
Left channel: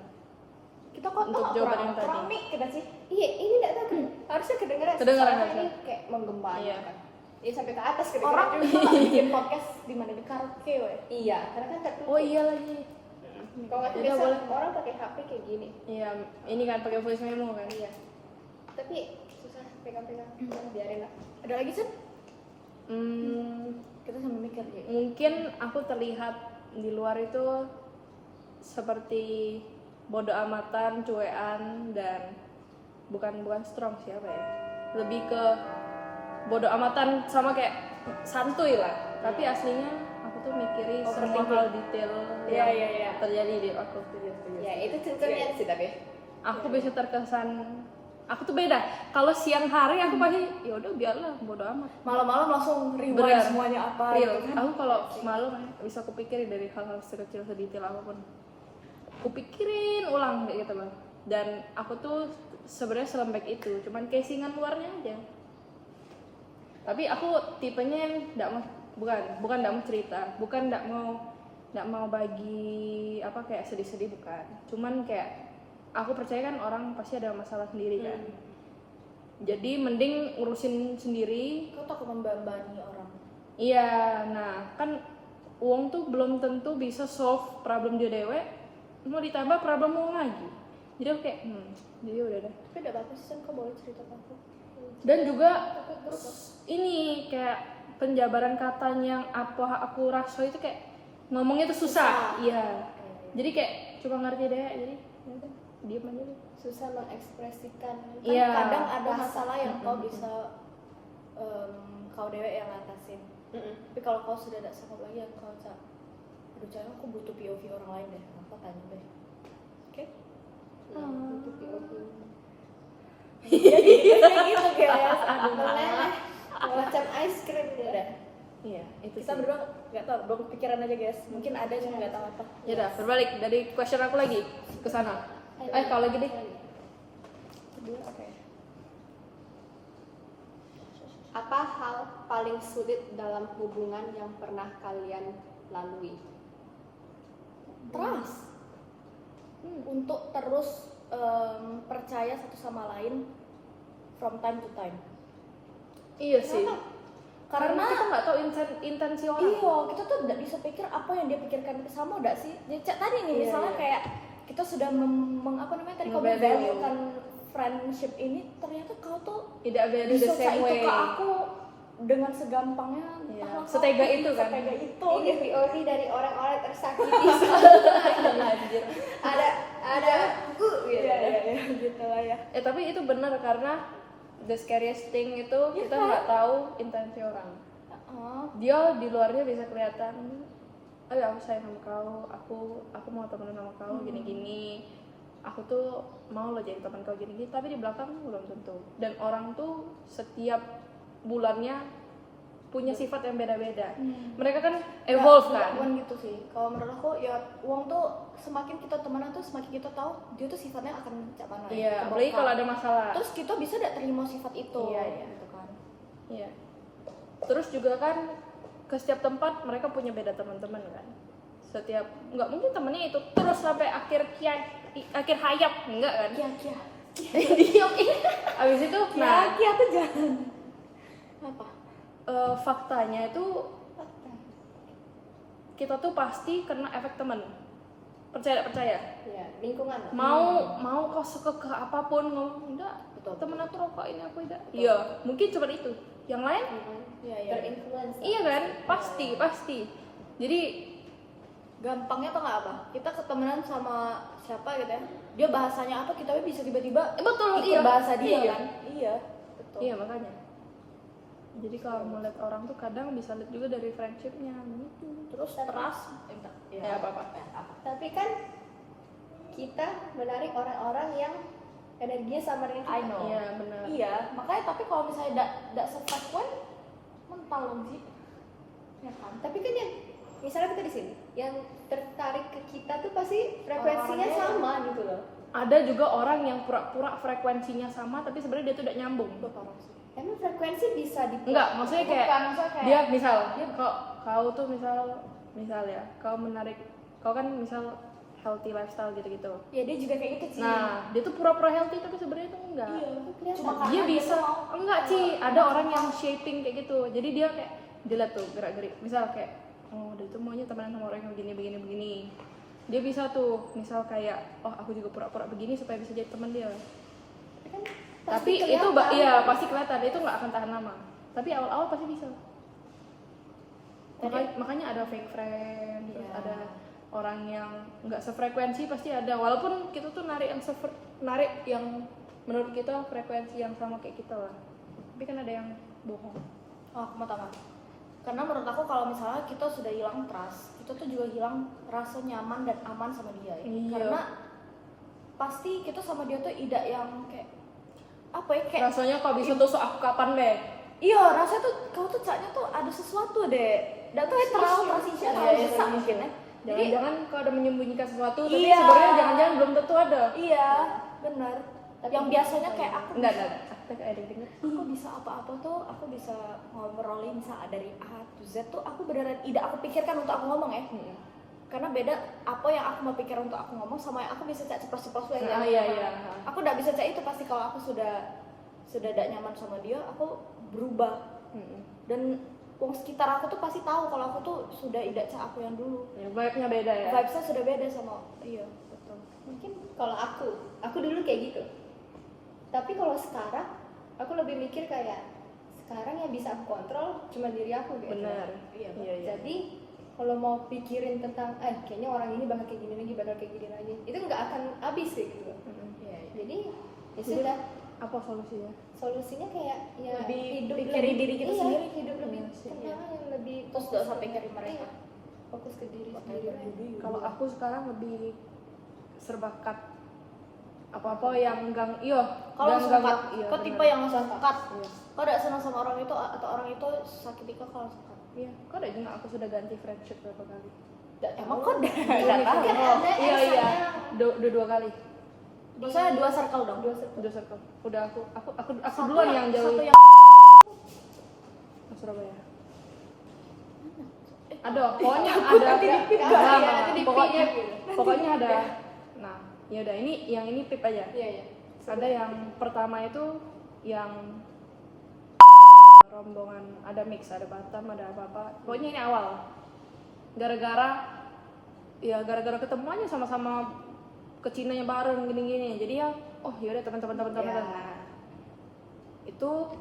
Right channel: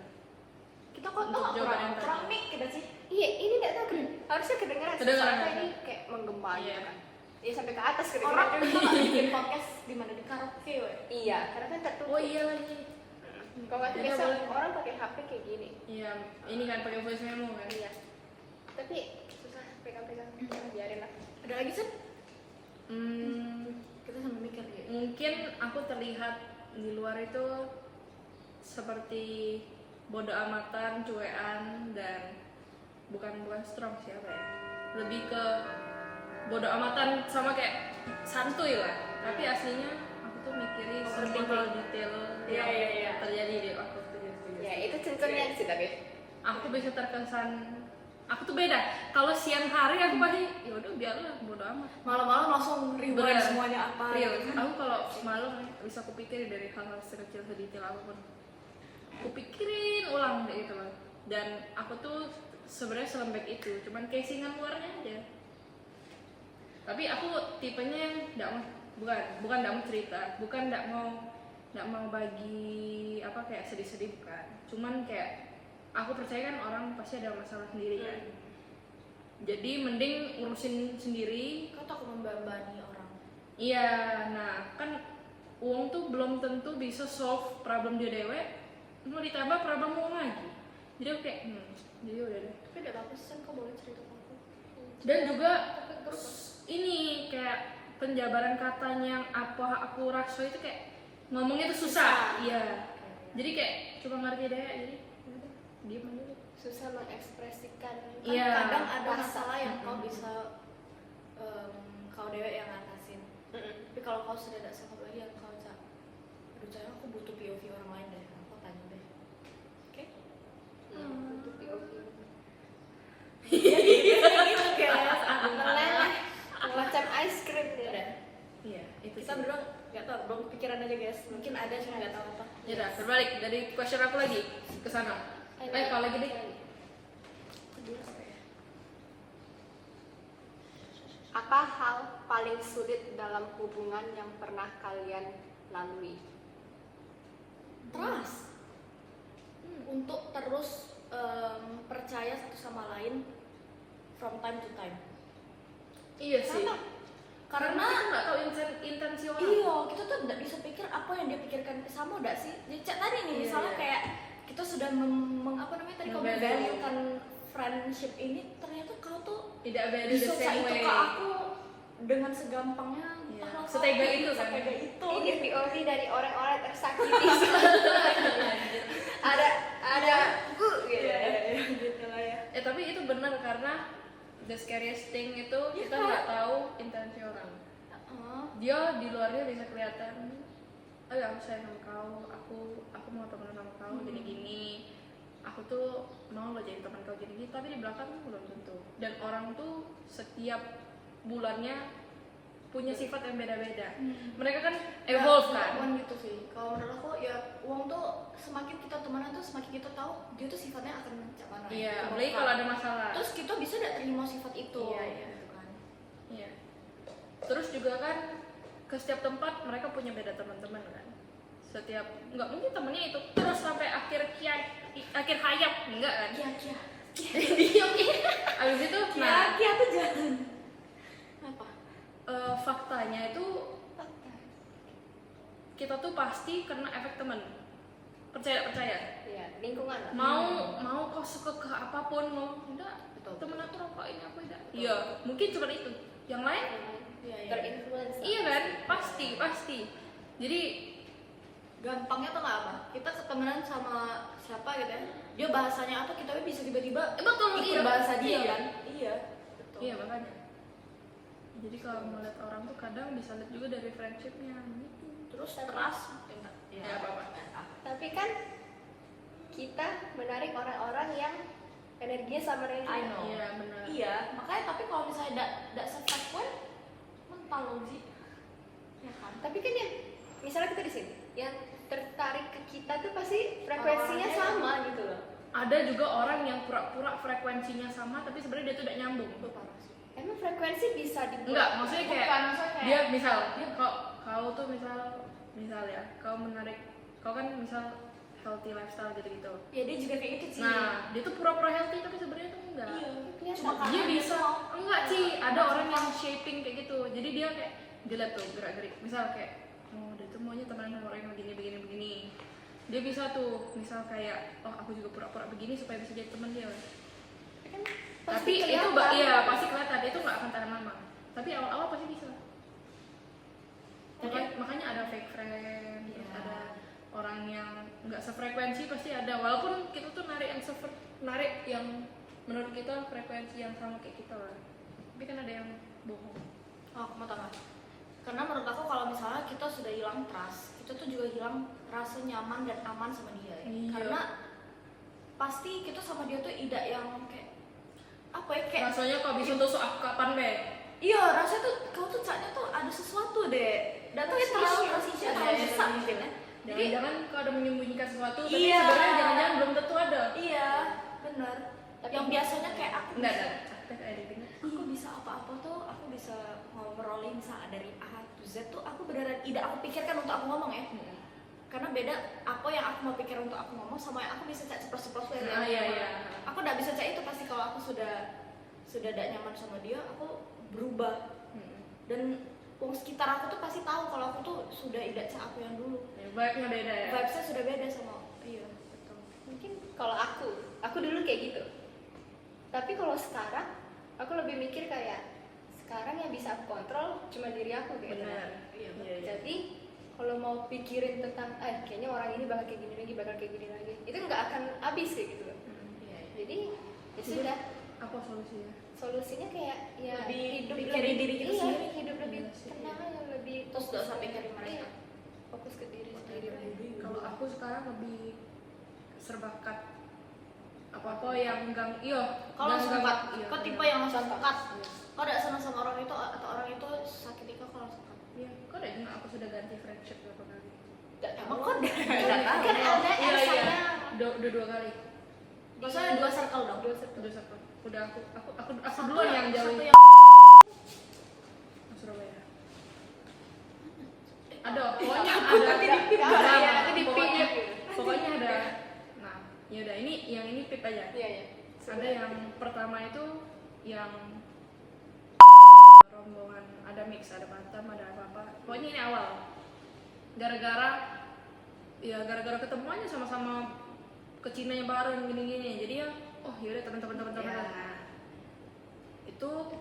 Kita kok Untuk jawaban yang tadi. kurang mic kita sih. Iya, ini gak tahu harusnya kedengeran. Kedengeran, Soalnya harusnya. ini kayak menggema Iya. gitu kan. Iya sampai ke atas kedengeran. Orang bisa bikin podcast di mana di karaoke, we. Iya, karena kan tertutup. Oh iya lagi. Kalau nggak Iya, biasa boleh. orang pakai HP kayak gini. Iya, ini kan pakai voice memo kan. Iya. Tapi susah pegang-pegang. Biarin lah. Ada lagi sih? Hmm, Kita sambil mikir gitu. mungkin aku terlihat di luar itu seperti bodo amatan, cuean, dan bukan strong siapa ya, lebih ke bodo amatan sama kayak santuy lah, tapi aslinya aku tuh mikirin semua hal detail Iya, yang iya. terjadi di aku. Ya itu cincinnya sih tapi. Aku bisa terkesan, aku tuh beda. Kalau siang hari aku pasti ya udah biarlah bodo amat. Malam-malam langsung rewind Bener. semuanya apa Real. gitu kan. Aku kalau malu kan bisa kupikirin dari hal-hal sekecil sedetail apapun. Kupikirin ulang kayak gitu loh. Dan aku tuh sebenarnya selembek itu, cuman casingan luarnya aja. Tapi aku tipenya yang bukan enggak mau cerita, bukan enggak mau bagi apa kayak sedih-sedih, bukan. Cuman kayak aku percaya kan orang pasti ada masalah sendiri kan. Jadi mending urusin sendiri. Kau takut membebani orang. Iya, nah kan uang tuh belum tentu bisa solve problem dia dewe, mau ditambah problem uang lagi. Jadi aku kayak, jadi udah deh. Tapi udah bagus kan, kau boleh cerita ke aku. Dan juga ini kayak penjabaran katanya yang apa aku rasa itu kayak ngomongnya tuh susah. Iya. Jadi kayak cuma ngerti deh, jadi udah diam aja deh. Susah mengekspresikan. Kan Iya. kadang ada masalah yang kau bisa kau dewek yang ngatasin. Tapi kalau kau sudah tidak sanggup lagi, yang kau cak, aduh sayang aku butuh POV orang lain deh, apa tanya deh. Oke? Untuk POV. Iya gitu guys. Meleleh. Macam ice cream dia. Udah. Iya, itu Kita sih. berdua nggak tahu, belum kepikiran aja guys. Mungkin ada cuma nggak tahu apa. Ya udah, berbalik dari question aku lagi ke sana. Kalau lagi deh. Kedua apa ya? Apa hal paling sulit dalam hubungan yang pernah kalian lalui? Trust. Untuk terus percaya satu sama lain from time to time. Iya sih. Kenapa? Karena kita nggak tahu intensi orang. Iya, kita tuh nggak bisa pikir apa yang dia pikirkan sama nggak sih. Jadi cak tadi nih, Iya, misalnya iya. kayak kita sudah apa namanya tadi kau Nge-value. value-kan friendship ini, ternyata kau tuh Tidak value bisa the same itu way. ke aku dengan segampangnya. Iya. entahlah Setega kau, itu kan. Setega itu. Ini POV dari orang-orang tersakiti. ada gitu. Iya, gitu lah ya. Tapi itu benar karena the scariest thing itu kita kan? nggak tahu intensi orang. Oh. Dia di luarnya bisa kelihatan, oh ya aku sayang sama kau, aku mau temenan sama kau gini-gini, aku tuh mau lo jadi teman kau gini-gini, tapi di belakang belum tentu. Dan orang tuh setiap bulannya punya sifat yang beda-beda. Mereka kan evolve kan. Bukan gitu sih. Kalau menurut aku ya uang tuh semakin kita temenan tuh semakin kita tahu dia tuh sifatnya akan macam mana. Iya, apalagi kalau ada masalah. Terus kita bisa tidak terima sifat itu. Iya. Gitu kan. Iya. Terus juga kan ke setiap tempat mereka punya beda teman-teman kan. Setiap nggak mungkin temennya itu terus sampai akhir hayat, enggak kan? Kia. Diam ini. Abis itu Kia tuh jangan. Apa? Faktanya itu kita tuh pasti kena efek teman. Percaya. Ya, lingkungan lah. Mau kau suka ke apapun ngomong enggak, Betul. temen aku rokok ini aku tidak. Iya, mungkin cuma itu. Yang lain Iya. Terinfluence lah. iya kan? Pasti. Jadi Gampangnya tuh nggak apa? Kita ketemenan sama siapa gitu ya? Dia bahasanya apa kita bisa tiba-tiba betul ikut iya. bahasa dia Iya. kan? Iya. Betul. Iya makanya. Jadi kalau mau lihat orang tuh kadang bisa lihat juga dari friendshipnya gitu. Terus trust. Ya, apa-apa. Tapi kan kita menarik orang-orang yang energinya sama dengan kita. I know. Iya benar. Iya, makanya tapi kalau misalnya tidak sefrekuen mental loh sih. Ya kan? Tapi kan yang misalnya kita di sini, yang tertarik ke kita tuh pasti frekuensinya Orang-orangnya sama gitu loh. Ada juga orang yang pura-pura frekuensinya sama tapi sebenarnya dia tuh tidak nyambung. Itu parah sih. Emang frekuensi bisa dibuat? Enggak, maksudnya kayak Bukan, maksudnya kayak dia misal kau tuh misal ya, kau menarik, kau kan misal healthy lifestyle gitu-gitu. ya dia juga kayak gitu sih. Nah, dia tuh pura-pura healthy tapi sebenarnya tuh enggak. Iya, kelihatan. cuma karena Dia bisa tuh mau enggak sih, ada orang yang shaping kayak gitu. Jadi dia kayak dilihat tuh gerak-gerik. Misal kayak oh, dia tuh maunya temenan sama orang yang begini. Dia bisa tuh, misal kayak oh, aku juga pura-pura begini supaya bisa jadi teman dia. Kan Tapi pasti itu kelihatan. iya pasti kelihatan, itu nggak akan tahan lama. Tapi awal-awal pasti bisa. Makanya ada fake friend, terus Iya. ada orang yang nggak sefrekuensi pasti ada. Walaupun kita tuh narik yang menurut kita frekuensi yang sama kayak kita lah. Tapi kan ada yang bohong. Oh, aku mau tambah. Karena menurut aku kalau misalnya kita sudah hilang trust, kita tuh juga hilang rasa nyaman dan aman sama dia. Iya. Karena pasti kita sama dia tuh tidak yang kayak apa ya kayak Rasanya kau bisa tusuk aku kapan deh? iya rasa tuh kau tuh saatnya tuh ada sesuatu deh. Dan tuh terlalu transisi terlalu besar mungkin ya. Jadi Jangan-jangan kau ada menyembunyikan sesuatu, tapi Iya. sebenarnya jangan-jangan belum tentu ada. iya benar. Tapi Yang biasanya kayak aku Enggak. Aku ada bener. aku bisa apa-apa tuh aku bisa ngobrolin dari A to Z tuh aku beneran tidak aku pikirkan untuk aku ngomong ya. Karena beda apa yang aku mau pikir untuk aku ngomong sama yang aku bisa cak ceplos-ceplos dari Nah, orang iya. lain. Aku tidak bisa cak itu pasti kalau aku sudah tidak nyaman sama dia aku berubah. Dan wong sekitar aku tuh pasti tahu kalau aku tuh sudah tidak cak aku yang dulu. Ya, vibe-nya beda ya. Vibesnya sudah beda sama iya betul. Mungkin kalau aku dulu kayak gitu. Tapi kalau sekarang aku lebih mikir kayak sekarang yang bisa aku kontrol cuma diri aku gitu. Benar. Iya, Jadi kalau mau pikirin tentang kayaknya orang ini bakal kayak gini lagi, itu nggak akan habis kayak gitu loh. Iya. Jadi ya sudah, Apa solusinya? solusinya kayak ya Lebih hidup pikirin lebih diri kita iya, sendiri. hidup lebih Iya sih. tenang aja, lebih Terus fokus nggak usah ke- pikirin mereka. iya, fokus ke diri Buat sendiri hidup aja. diri. Kalau aku sekarang lebih serba cut. Apa-apa yang gang Kalau langsung cut, iya, kau bener. tipe yang langsung cut. Iya. Kau tidak senang sama orang itu atau orang itu sakit kau kalau langsung cut? Iya, kok ada juga aku sudah ganti friendship berapa kali? Nggak tahu. Emang kau udah Iya, nggak tahu? Kan ada Iya, yang iya. sayang. Dua kali. Maksudnya dua circle dong. Dua circle. Udah aku Satu duluan yang jauh. satu yang Surabaya. Ada, pokoknya Takut ada. nanti dipip, Nah, iya, nah, nanti dipip pokoknya, gitu. pokoknya ada. Nah, ya udah yang ini pip aja. Iya. Ada yang pertama itu yang rombongan, ada mix, ada Batam, ada apa-apa. Pokoknya ini awal. Gara-gara ketemu aja sama-sama ke Cina bareng gini-gini. Jadi ya, oh yaudah teman-teman. Ya. Itu,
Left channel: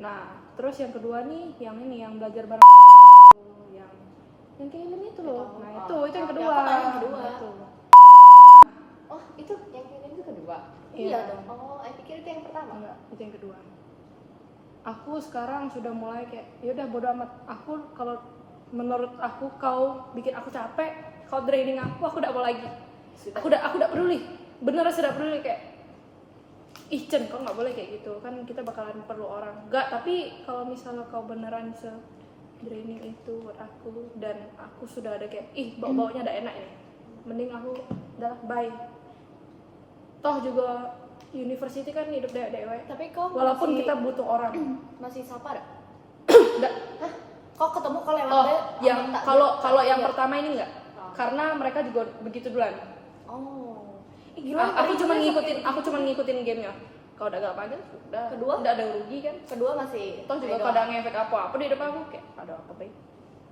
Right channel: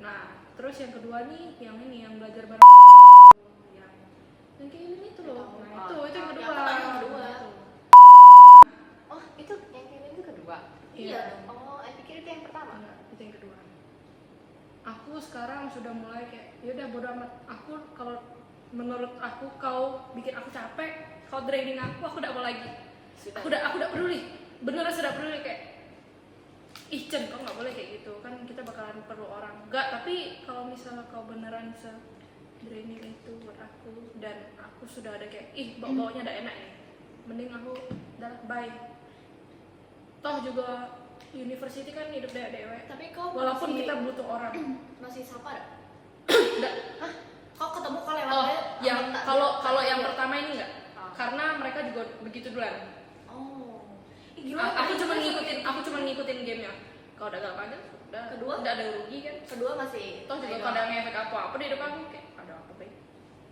nah terus yang kedua nih, yang belajar bareng yang kayak ini tuh loh. Nah itu yang kedua. yang kedua. Itu. Oh itu yang kirim itu kedua. Iya dong. Oh, saya pikir itu yang pertama. Enggak, itu yang kedua. aku sekarang sudah mulai kayak yaudah bodo amat, aku kalau menurut aku kau bikin aku capek, kau draining aku udah mau lagi. Aku udah peduli, beneran sudah peduli kayak ih Cen, kau nggak boleh kayak gitu kan, kita bakalan perlu orang. Enggak, tapi kalau misalnya kau beneran draining itu buat aku dan aku sudah ada kayak ih bau-baunya udah enak nih, mending aku udah bye. Toh juga university kan hidup dewek. Tapi kau Walaupun masih, kita butuh orang. masih sapa ada? Enggak. Kau ketemu kau lewat Oh, deh, yang kalau yang iya. pertama ini enggak. Karena mereka juga begitu duluan. Oh. Ih, gila, Aku tadi cuma ngikutin gamenya. Kalau udah gak panjang sudah. Kedua? Udah ada rugi kan. Kedua masih. Toh juga Ayo. kalau ada ngefek apa di depan aku kayak ada apa baik.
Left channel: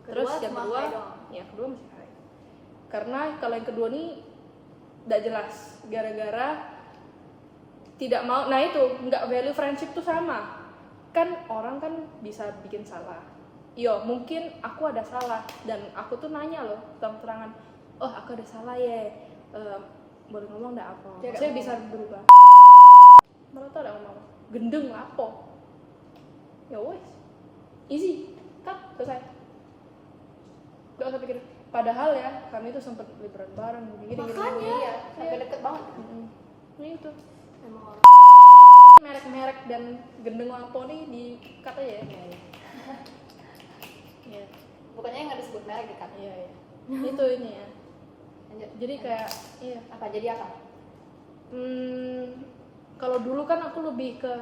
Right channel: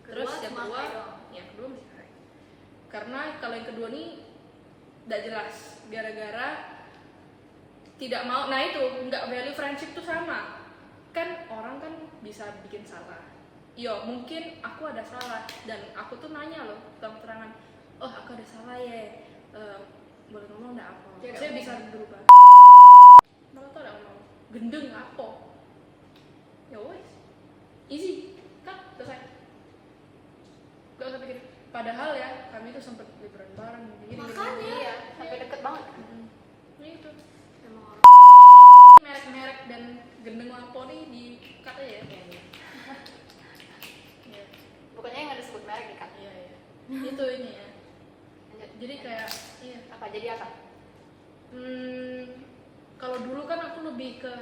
Terus Kedua yang cuma kedua, ayo. ya kedua masih hai. Karena kalau yang kedua nih tidak jelas. Gara-gara tidak mau. Nah itu nggak value friendship tuh sama. Kan orang kan bisa bikin salah. Yo mungkin aku ada salah dan aku tuh nanya loh terang-terangan. Oh aku ada salah ya. Boleh ngomong nggak apa? Tidak Saya ngomong. bisa berubah. Malah tuh ada ngomong gendeng apa? Ya wes, easy, kan selesai. Gak usah pikir. Padahal ya kami tuh sempet liburan bareng gini. Makanya. Iya, sampai deket banget. Ini itu Emang orang. merek-merek dan gendeng lapo nih di cut aja ya. Iya. Pokoknya yang ada sebut merek di cut. Iya. Itu ini ya. Lanjut. Jadi kayak iya. Apa jadi apa? Kalau dulu kan aku lebih ke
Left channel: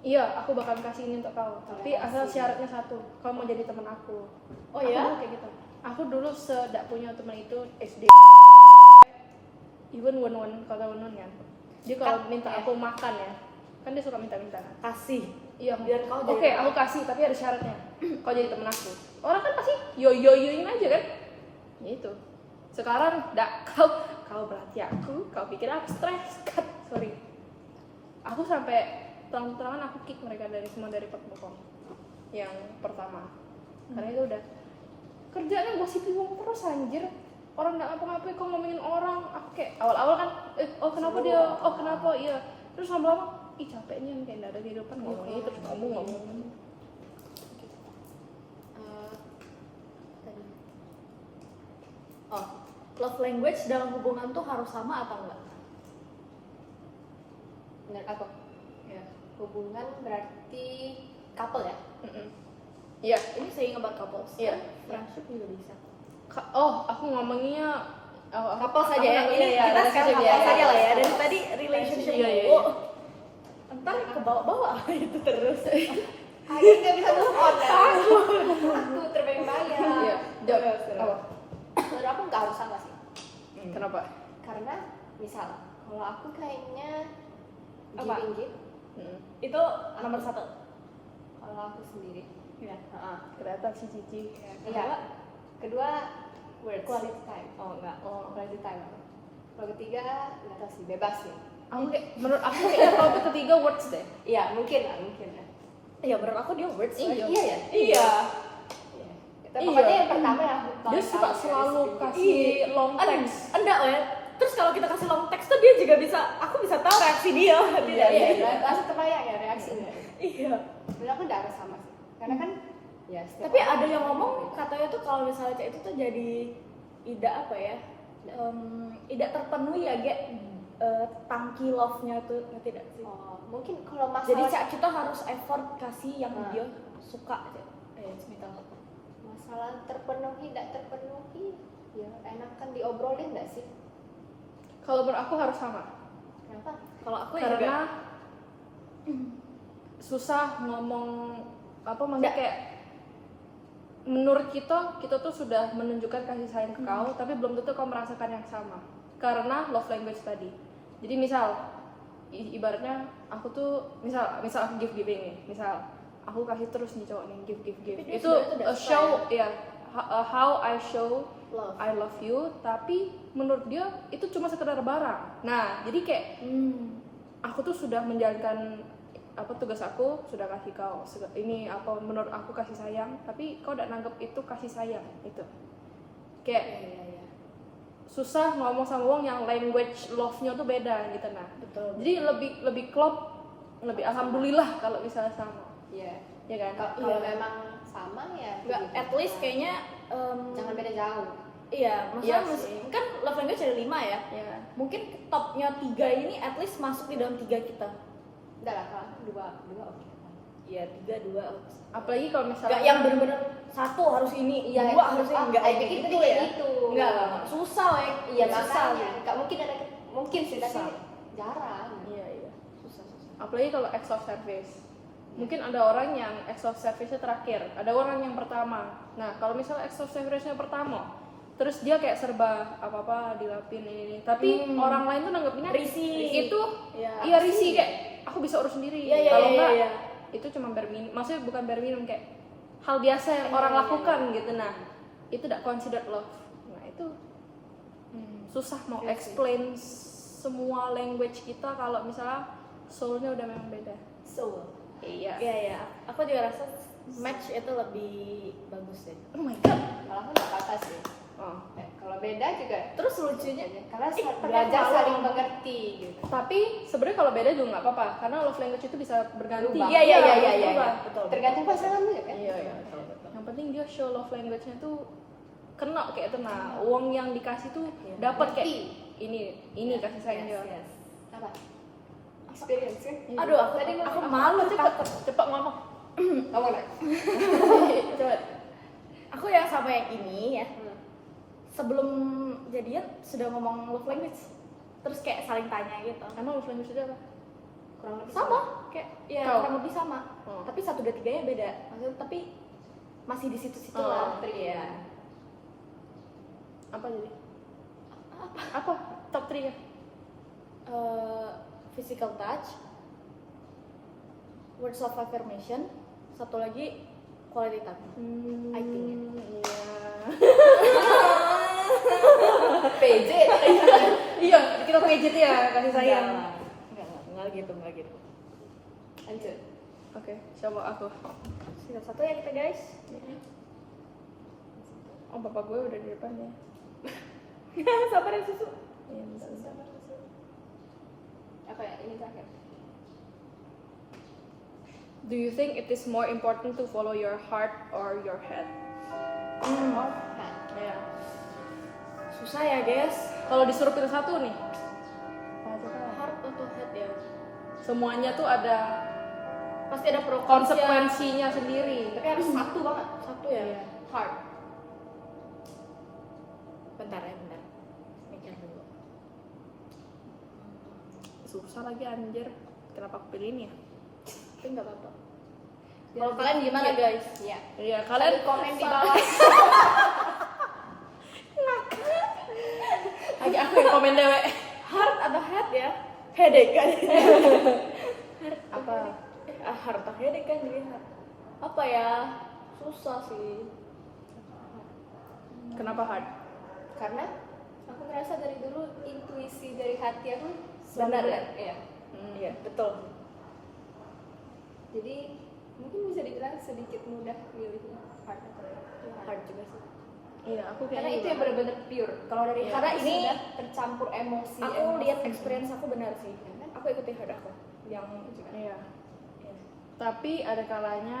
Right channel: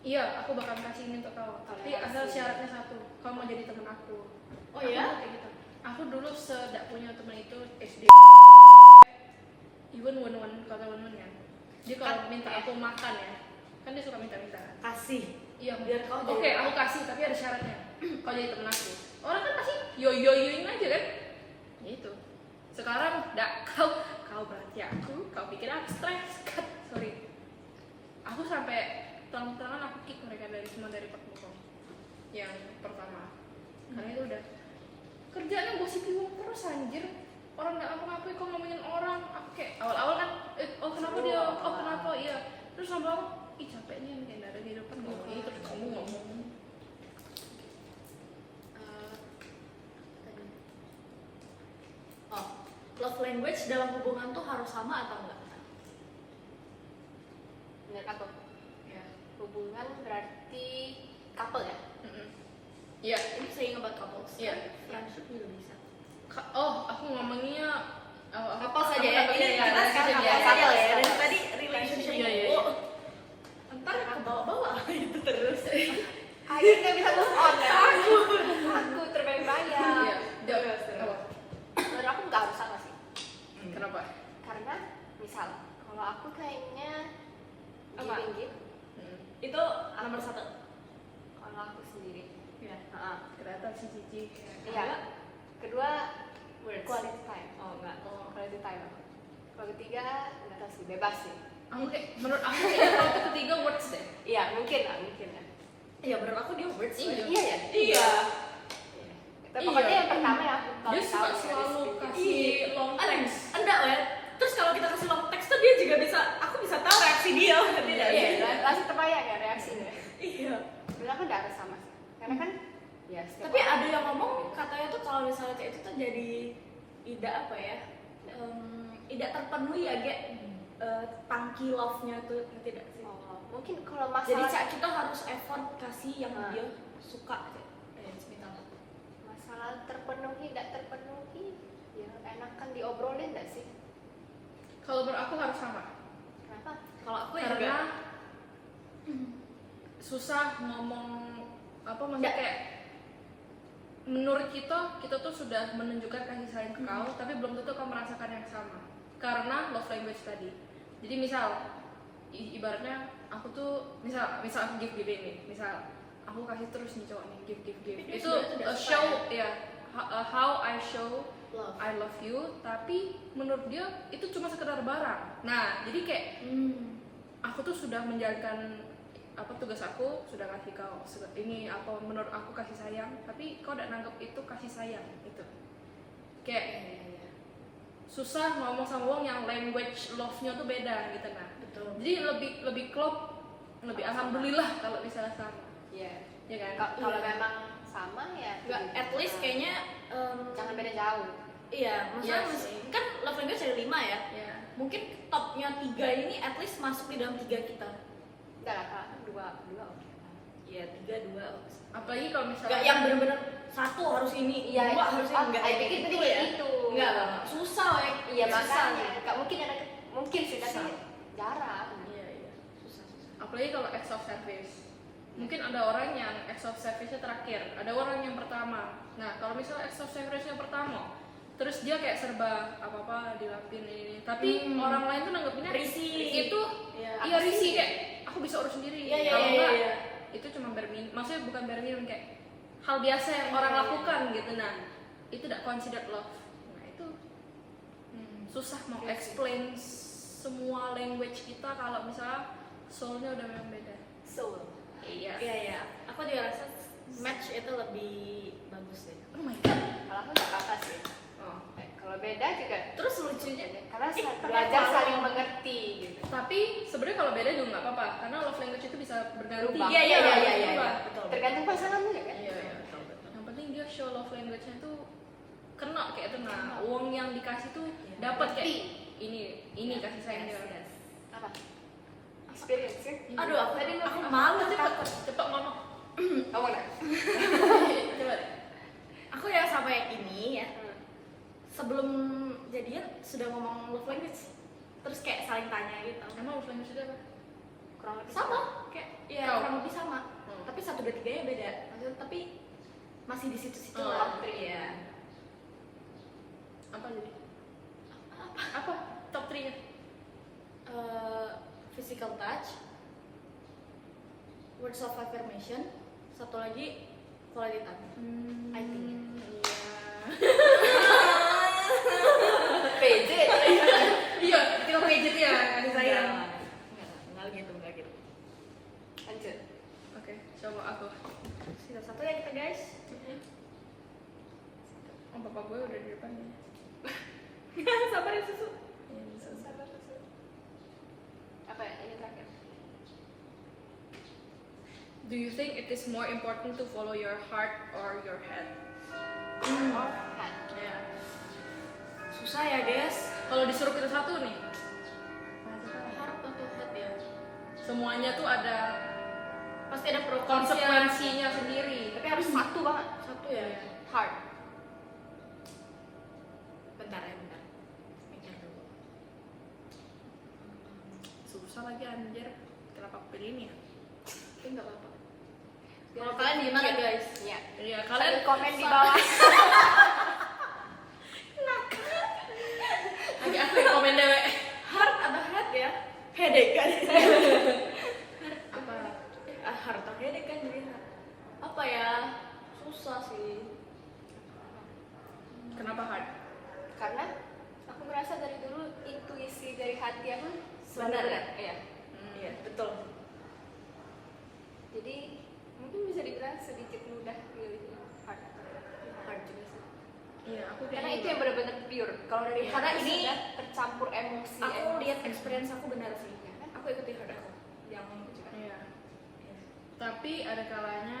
iya, aku bakal kasih ini untuk kau. Tapi asal syaratnya satu, kau mau jadi teman aku. Oh Aku ya? dulu kayak gitu. Aku dulu sedak punya teman itu SD. Even Won kau tahu Won kan? Dia kalau minta aku makan ya, kan dia suka minta-minta. Kasih. Iya, Biar kau jadi oke, aku kasih tapi ada syaratnya. Kau jadi temen aku. Orang kan pasti yo-yo-yoin aja kan? Ya itu. Sekarang kau berarti aku, kau pikir aku stres. Sorry. Aku sampai terang-terangan aku kick mereka dari Pekbokong. Yang pertama. Karena itu udah kerjaannya gosipin wong terus anjir. Orang nggak ngapa-ngapain kok ngomongin orang. Aku kayak awal-awal kan oh kenapa dia, oh kenapa iya. Terus lama-lama ih capek nih kayak nggak ada kehidupan ngomong itu ngomong Tadi. Oh, love language dalam hubungan tuh harus sama atau enggak? Menurut aku Ya. hubungan berarti couple ya. iya. Ini saying about couples. Iya. Friendship juga bisa. Oh aku ngomongnya Couple saja ya. iya, iya, Kita ada sekarang couple couple saja lah ya. couple. Dari tadi relationship. Iya, iya, Oh, ntar ke bawah-bawah itu terus. Akhirnya nggak bisa move on ya. Aku terbayang-bayang. iya jawab apa Menurut aku nggak harus sama sih. kenapa Karena misal kalau aku kayaknya Apa? giving gift. Itu nomor satu. Kalau aku sendiri. Ya. kereta si Cici Iya. Kedua Words. quality time. Oh enggak. Quality time. Kalau ketiga nggak tahu sih, bebas sih. aku kayak menurut aku kayaknya kalau ke ketiga words deh Iya mungkin lah. Iya, menurut aku dia words. Iya. Iya ya. Iya. Pokoknya Iya. yang pertama ya. dia suka selalu kasih long text Enggak, weh. Terus kalau kita kasih long text tuh dia juga bisa, aku bisa tahu reaksi dia. Tidak, Iya, iya. langsung terbayang ya reaksinya. Iya. Menurut aku nggak harus sama sih. Karena kan ya setiap Tapi orang ada yang beda. ngomong katanya tuh kalau misalnya kayak itu tuh jadi tidak apa ya? Tidak terpenuhi ya, kayak tangki love-nya itu tidak sih. Oh, mungkin kalau Jadi masalah kita harus effort kasih yang Ah. dia suka kayak misal. masalah terpenuhi tidak terpenuhi ya enakan diobrolin nggak sih? kalau menurut aku harus sama Kenapa? Kalau aku ya karena juga susah ngomong apa maksudnya kayak menurut kita tuh sudah menunjukkan kasih sayang ke kau tapi belum tentu kau merasakan yang sama karena love language tadi. Jadi misal ibaratnya aku tuh misal aku giving nih, misal aku kasih terus nih cowok nih give Tapi dia itu sebenarnya tidak a suka show ya how I show love. I love you tapi menurut dia itu cuma sekedar barang. Nah jadi kayak aku tuh sudah menjalankan apa tugas aku sudah kasih kau ini apa menurut aku kasih sayang tapi kau udah nanggep itu kasih sayang itu kayak Iya. susah ngomong sama wong yang language love-nya tuh beda gitu nah Betul. jadi lebih klop lebih alhamdulillah kalau misalnya sama. Iya. Ya kan? Kalau Iya. memang sama ya Nggak, gitu. at least kayaknya jangan beda jauh. iya, maksudnya Iya sih. kan love language ada 5 ya. Iya. Mungkin topnya 3 ini at least masuk di dalam 3 kita. Enggak lah, Kak. Dua oke. Iya, 3 2. Apalagi kalau Enggak misalnya yang benar-benar satu harus ini, Iya, dua harus ini, enggak I kayak pikir gitu tadi ya. gitu. Enggak, susah, weh. Iya, Susah, makanya. gitu. Enggak mungkin ada mungkin sih, tapi Susah. jarang. Iya. Susah. apalagi kalau acts of service. Mungkin ada orang yang acts of service-nya terakhir, ada orang yang pertama. Nah, kalau misalnya acts of service-nya pertama, terus dia kayak serba apa-apa dilapin ini. Tapi orang lain tuh nanggepinnya Risih. itu Iya, iya apa risih sih? kayak aku bisa urus sendiri. Iya, Kalau enggak iya. itu cuma bare minimum. Maksudnya bukan bare minimum, kayak hal biasa yang orang lakukan gitu. Nah, itu tidak considered love. Nah, itu susah mau Iya sih. explain semua language kita kalau misalnya soul-nya udah memang beda. Soul. Iya. Iya. Aku juga rasa match itu lebih bagus deh. Oh my god. Kalau aku nggak apa-apa sih. Oh. Kalau beda juga Terus lucunya karena tapi belajar kalau- saling mengerti gitu. Tapi sebenarnya kalau beda juga nggak apa-apa, karena love language itu bisa berganti. Berubah. Iya. berubah. Betul. Tergantung pasangan juga kan. Iya. Betul. Yang penting dia show love language-nya tuh kena kayak itu. Nah, uang yang dikasih tuh Iya. dapat kayak Ngerti. ini kasih sayang dia. Yes. Apa? Experience kan? Aduh, aku malu takut. Cepat ngomong. Kamu nak? Cepet. Aku yang sama yang ini ya. Sebelum jadian sudah ngomong love language. Terus kayak saling tanya gitu. Emang love language itu apa? Kurang lebih Sama, kayak ya Kau? kurang lebih sama. Hmm. Tapi 1 2 3-nya beda. Maksudnya tapi masih di situ-situ Oh, lah. trik. Iya. Apa jadi? Apa? Top 3 ya? Physical touch, words of affirmation, satu lagi quality time. I think. Iya. PJ. Iya, kita pakai gitu ya, kasih sayang. Enggak gitu. Lanjut. Oke, coba aku. Sisa satu ya kita guys. Oh, bapak gue udah di depan ya. Sabar ya susu. Apa ya? Ini terakhir. Do you think it is more important to follow your heart or your head? Oh, kan. Iya. Susah ya guys. Kalau disuruh pilih satu nih, Heart atau head ya? semuanya tuh ada Pasti ada pro kontra. konsekuensinya sendiri. Tapi harus satu banget. Satu ya. Iya. Hard. Bentar. Mikir dulu. Susah lagi anjir. Kenapa aku pilih ini ya? Tapi nggak apa-apa. Kalau kalian gimana guys? Iya. Iya, Kalian kalian komen di bawah. lagi aku yang komen dewek. Heart atau head ya? Headache kan? Apa? Heart atau headache kan jadi heart. Apa ya? Susah sih. Kenapa hard? Karena aku merasa dari dulu intuisi dari hati aku Benar selalu ya? Iya. Iya, betul. Jadi mungkin bisa dibilang sedikit mudah milih hard atau Heart juga sih. Iya, aku karena kayaknya itu yang benar-benar pure. Kalau dari Iya. hati Karena ini sudah tercampur emosi. Aku lihat experience aku benar sih. Ya kan? Aku ikuti heart aku. Yang itu kan. Iya. Tapi ada kalanya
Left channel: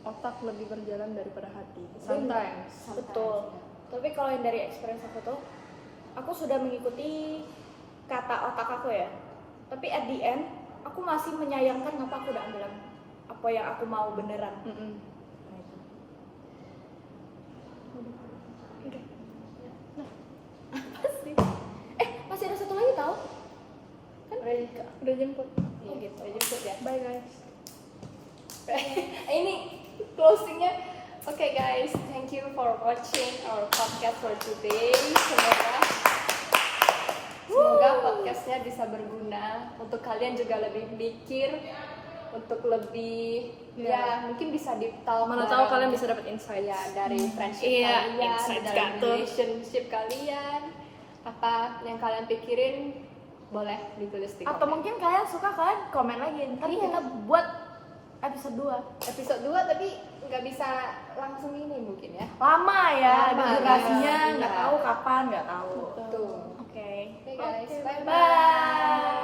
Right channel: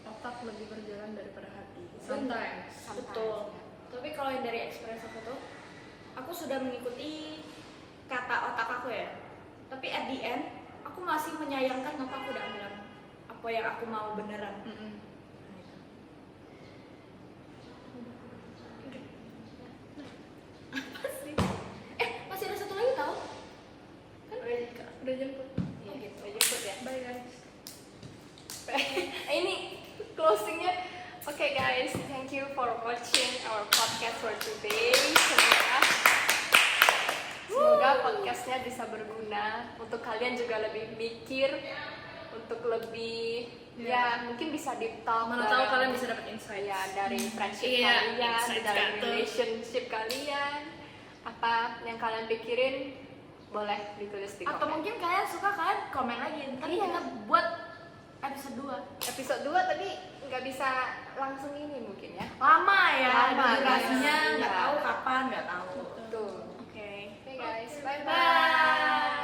otak lebih berjalan daripada hati. Sometimes. Betul. ya. Tapi kalau yang dari experience aku tuh, aku sudah mengikuti kata otak aku ya. Tapi at the end, aku masih menyayangkan kenapa aku udah ambil apa yang aku mau beneran. Mm-mm. Nah, itu. Apa sih? Masih ada satu lagi tau? Kan? Udah jemput. Iya, Oh, gitu. udah jemput ya. Bye guys. Ini closingnya. Oke guys, thank you for watching our podcast for today. Semoga podcastnya bisa berguna untuk kalian juga lebih mikir, untuk lebih ya mungkin bisa deep talk. Mana tahu kalian bisa dapat insight. ya dari friendship Iya, kalian, insight dari jatuh. relationship kalian, apa yang kalian pikirin boleh ditulis di Atau komen. mungkin kalian suka kalian komen lagi. Ntar Iya. kita buat episode 2. Episode 2 tapi nggak bisa langsung ini mungkin ya. Lama ya, Lama, durasinya iya. nggak tahu kapan, nggak tahu. Tuh. Oke. Oke guys, Oke, bye bye.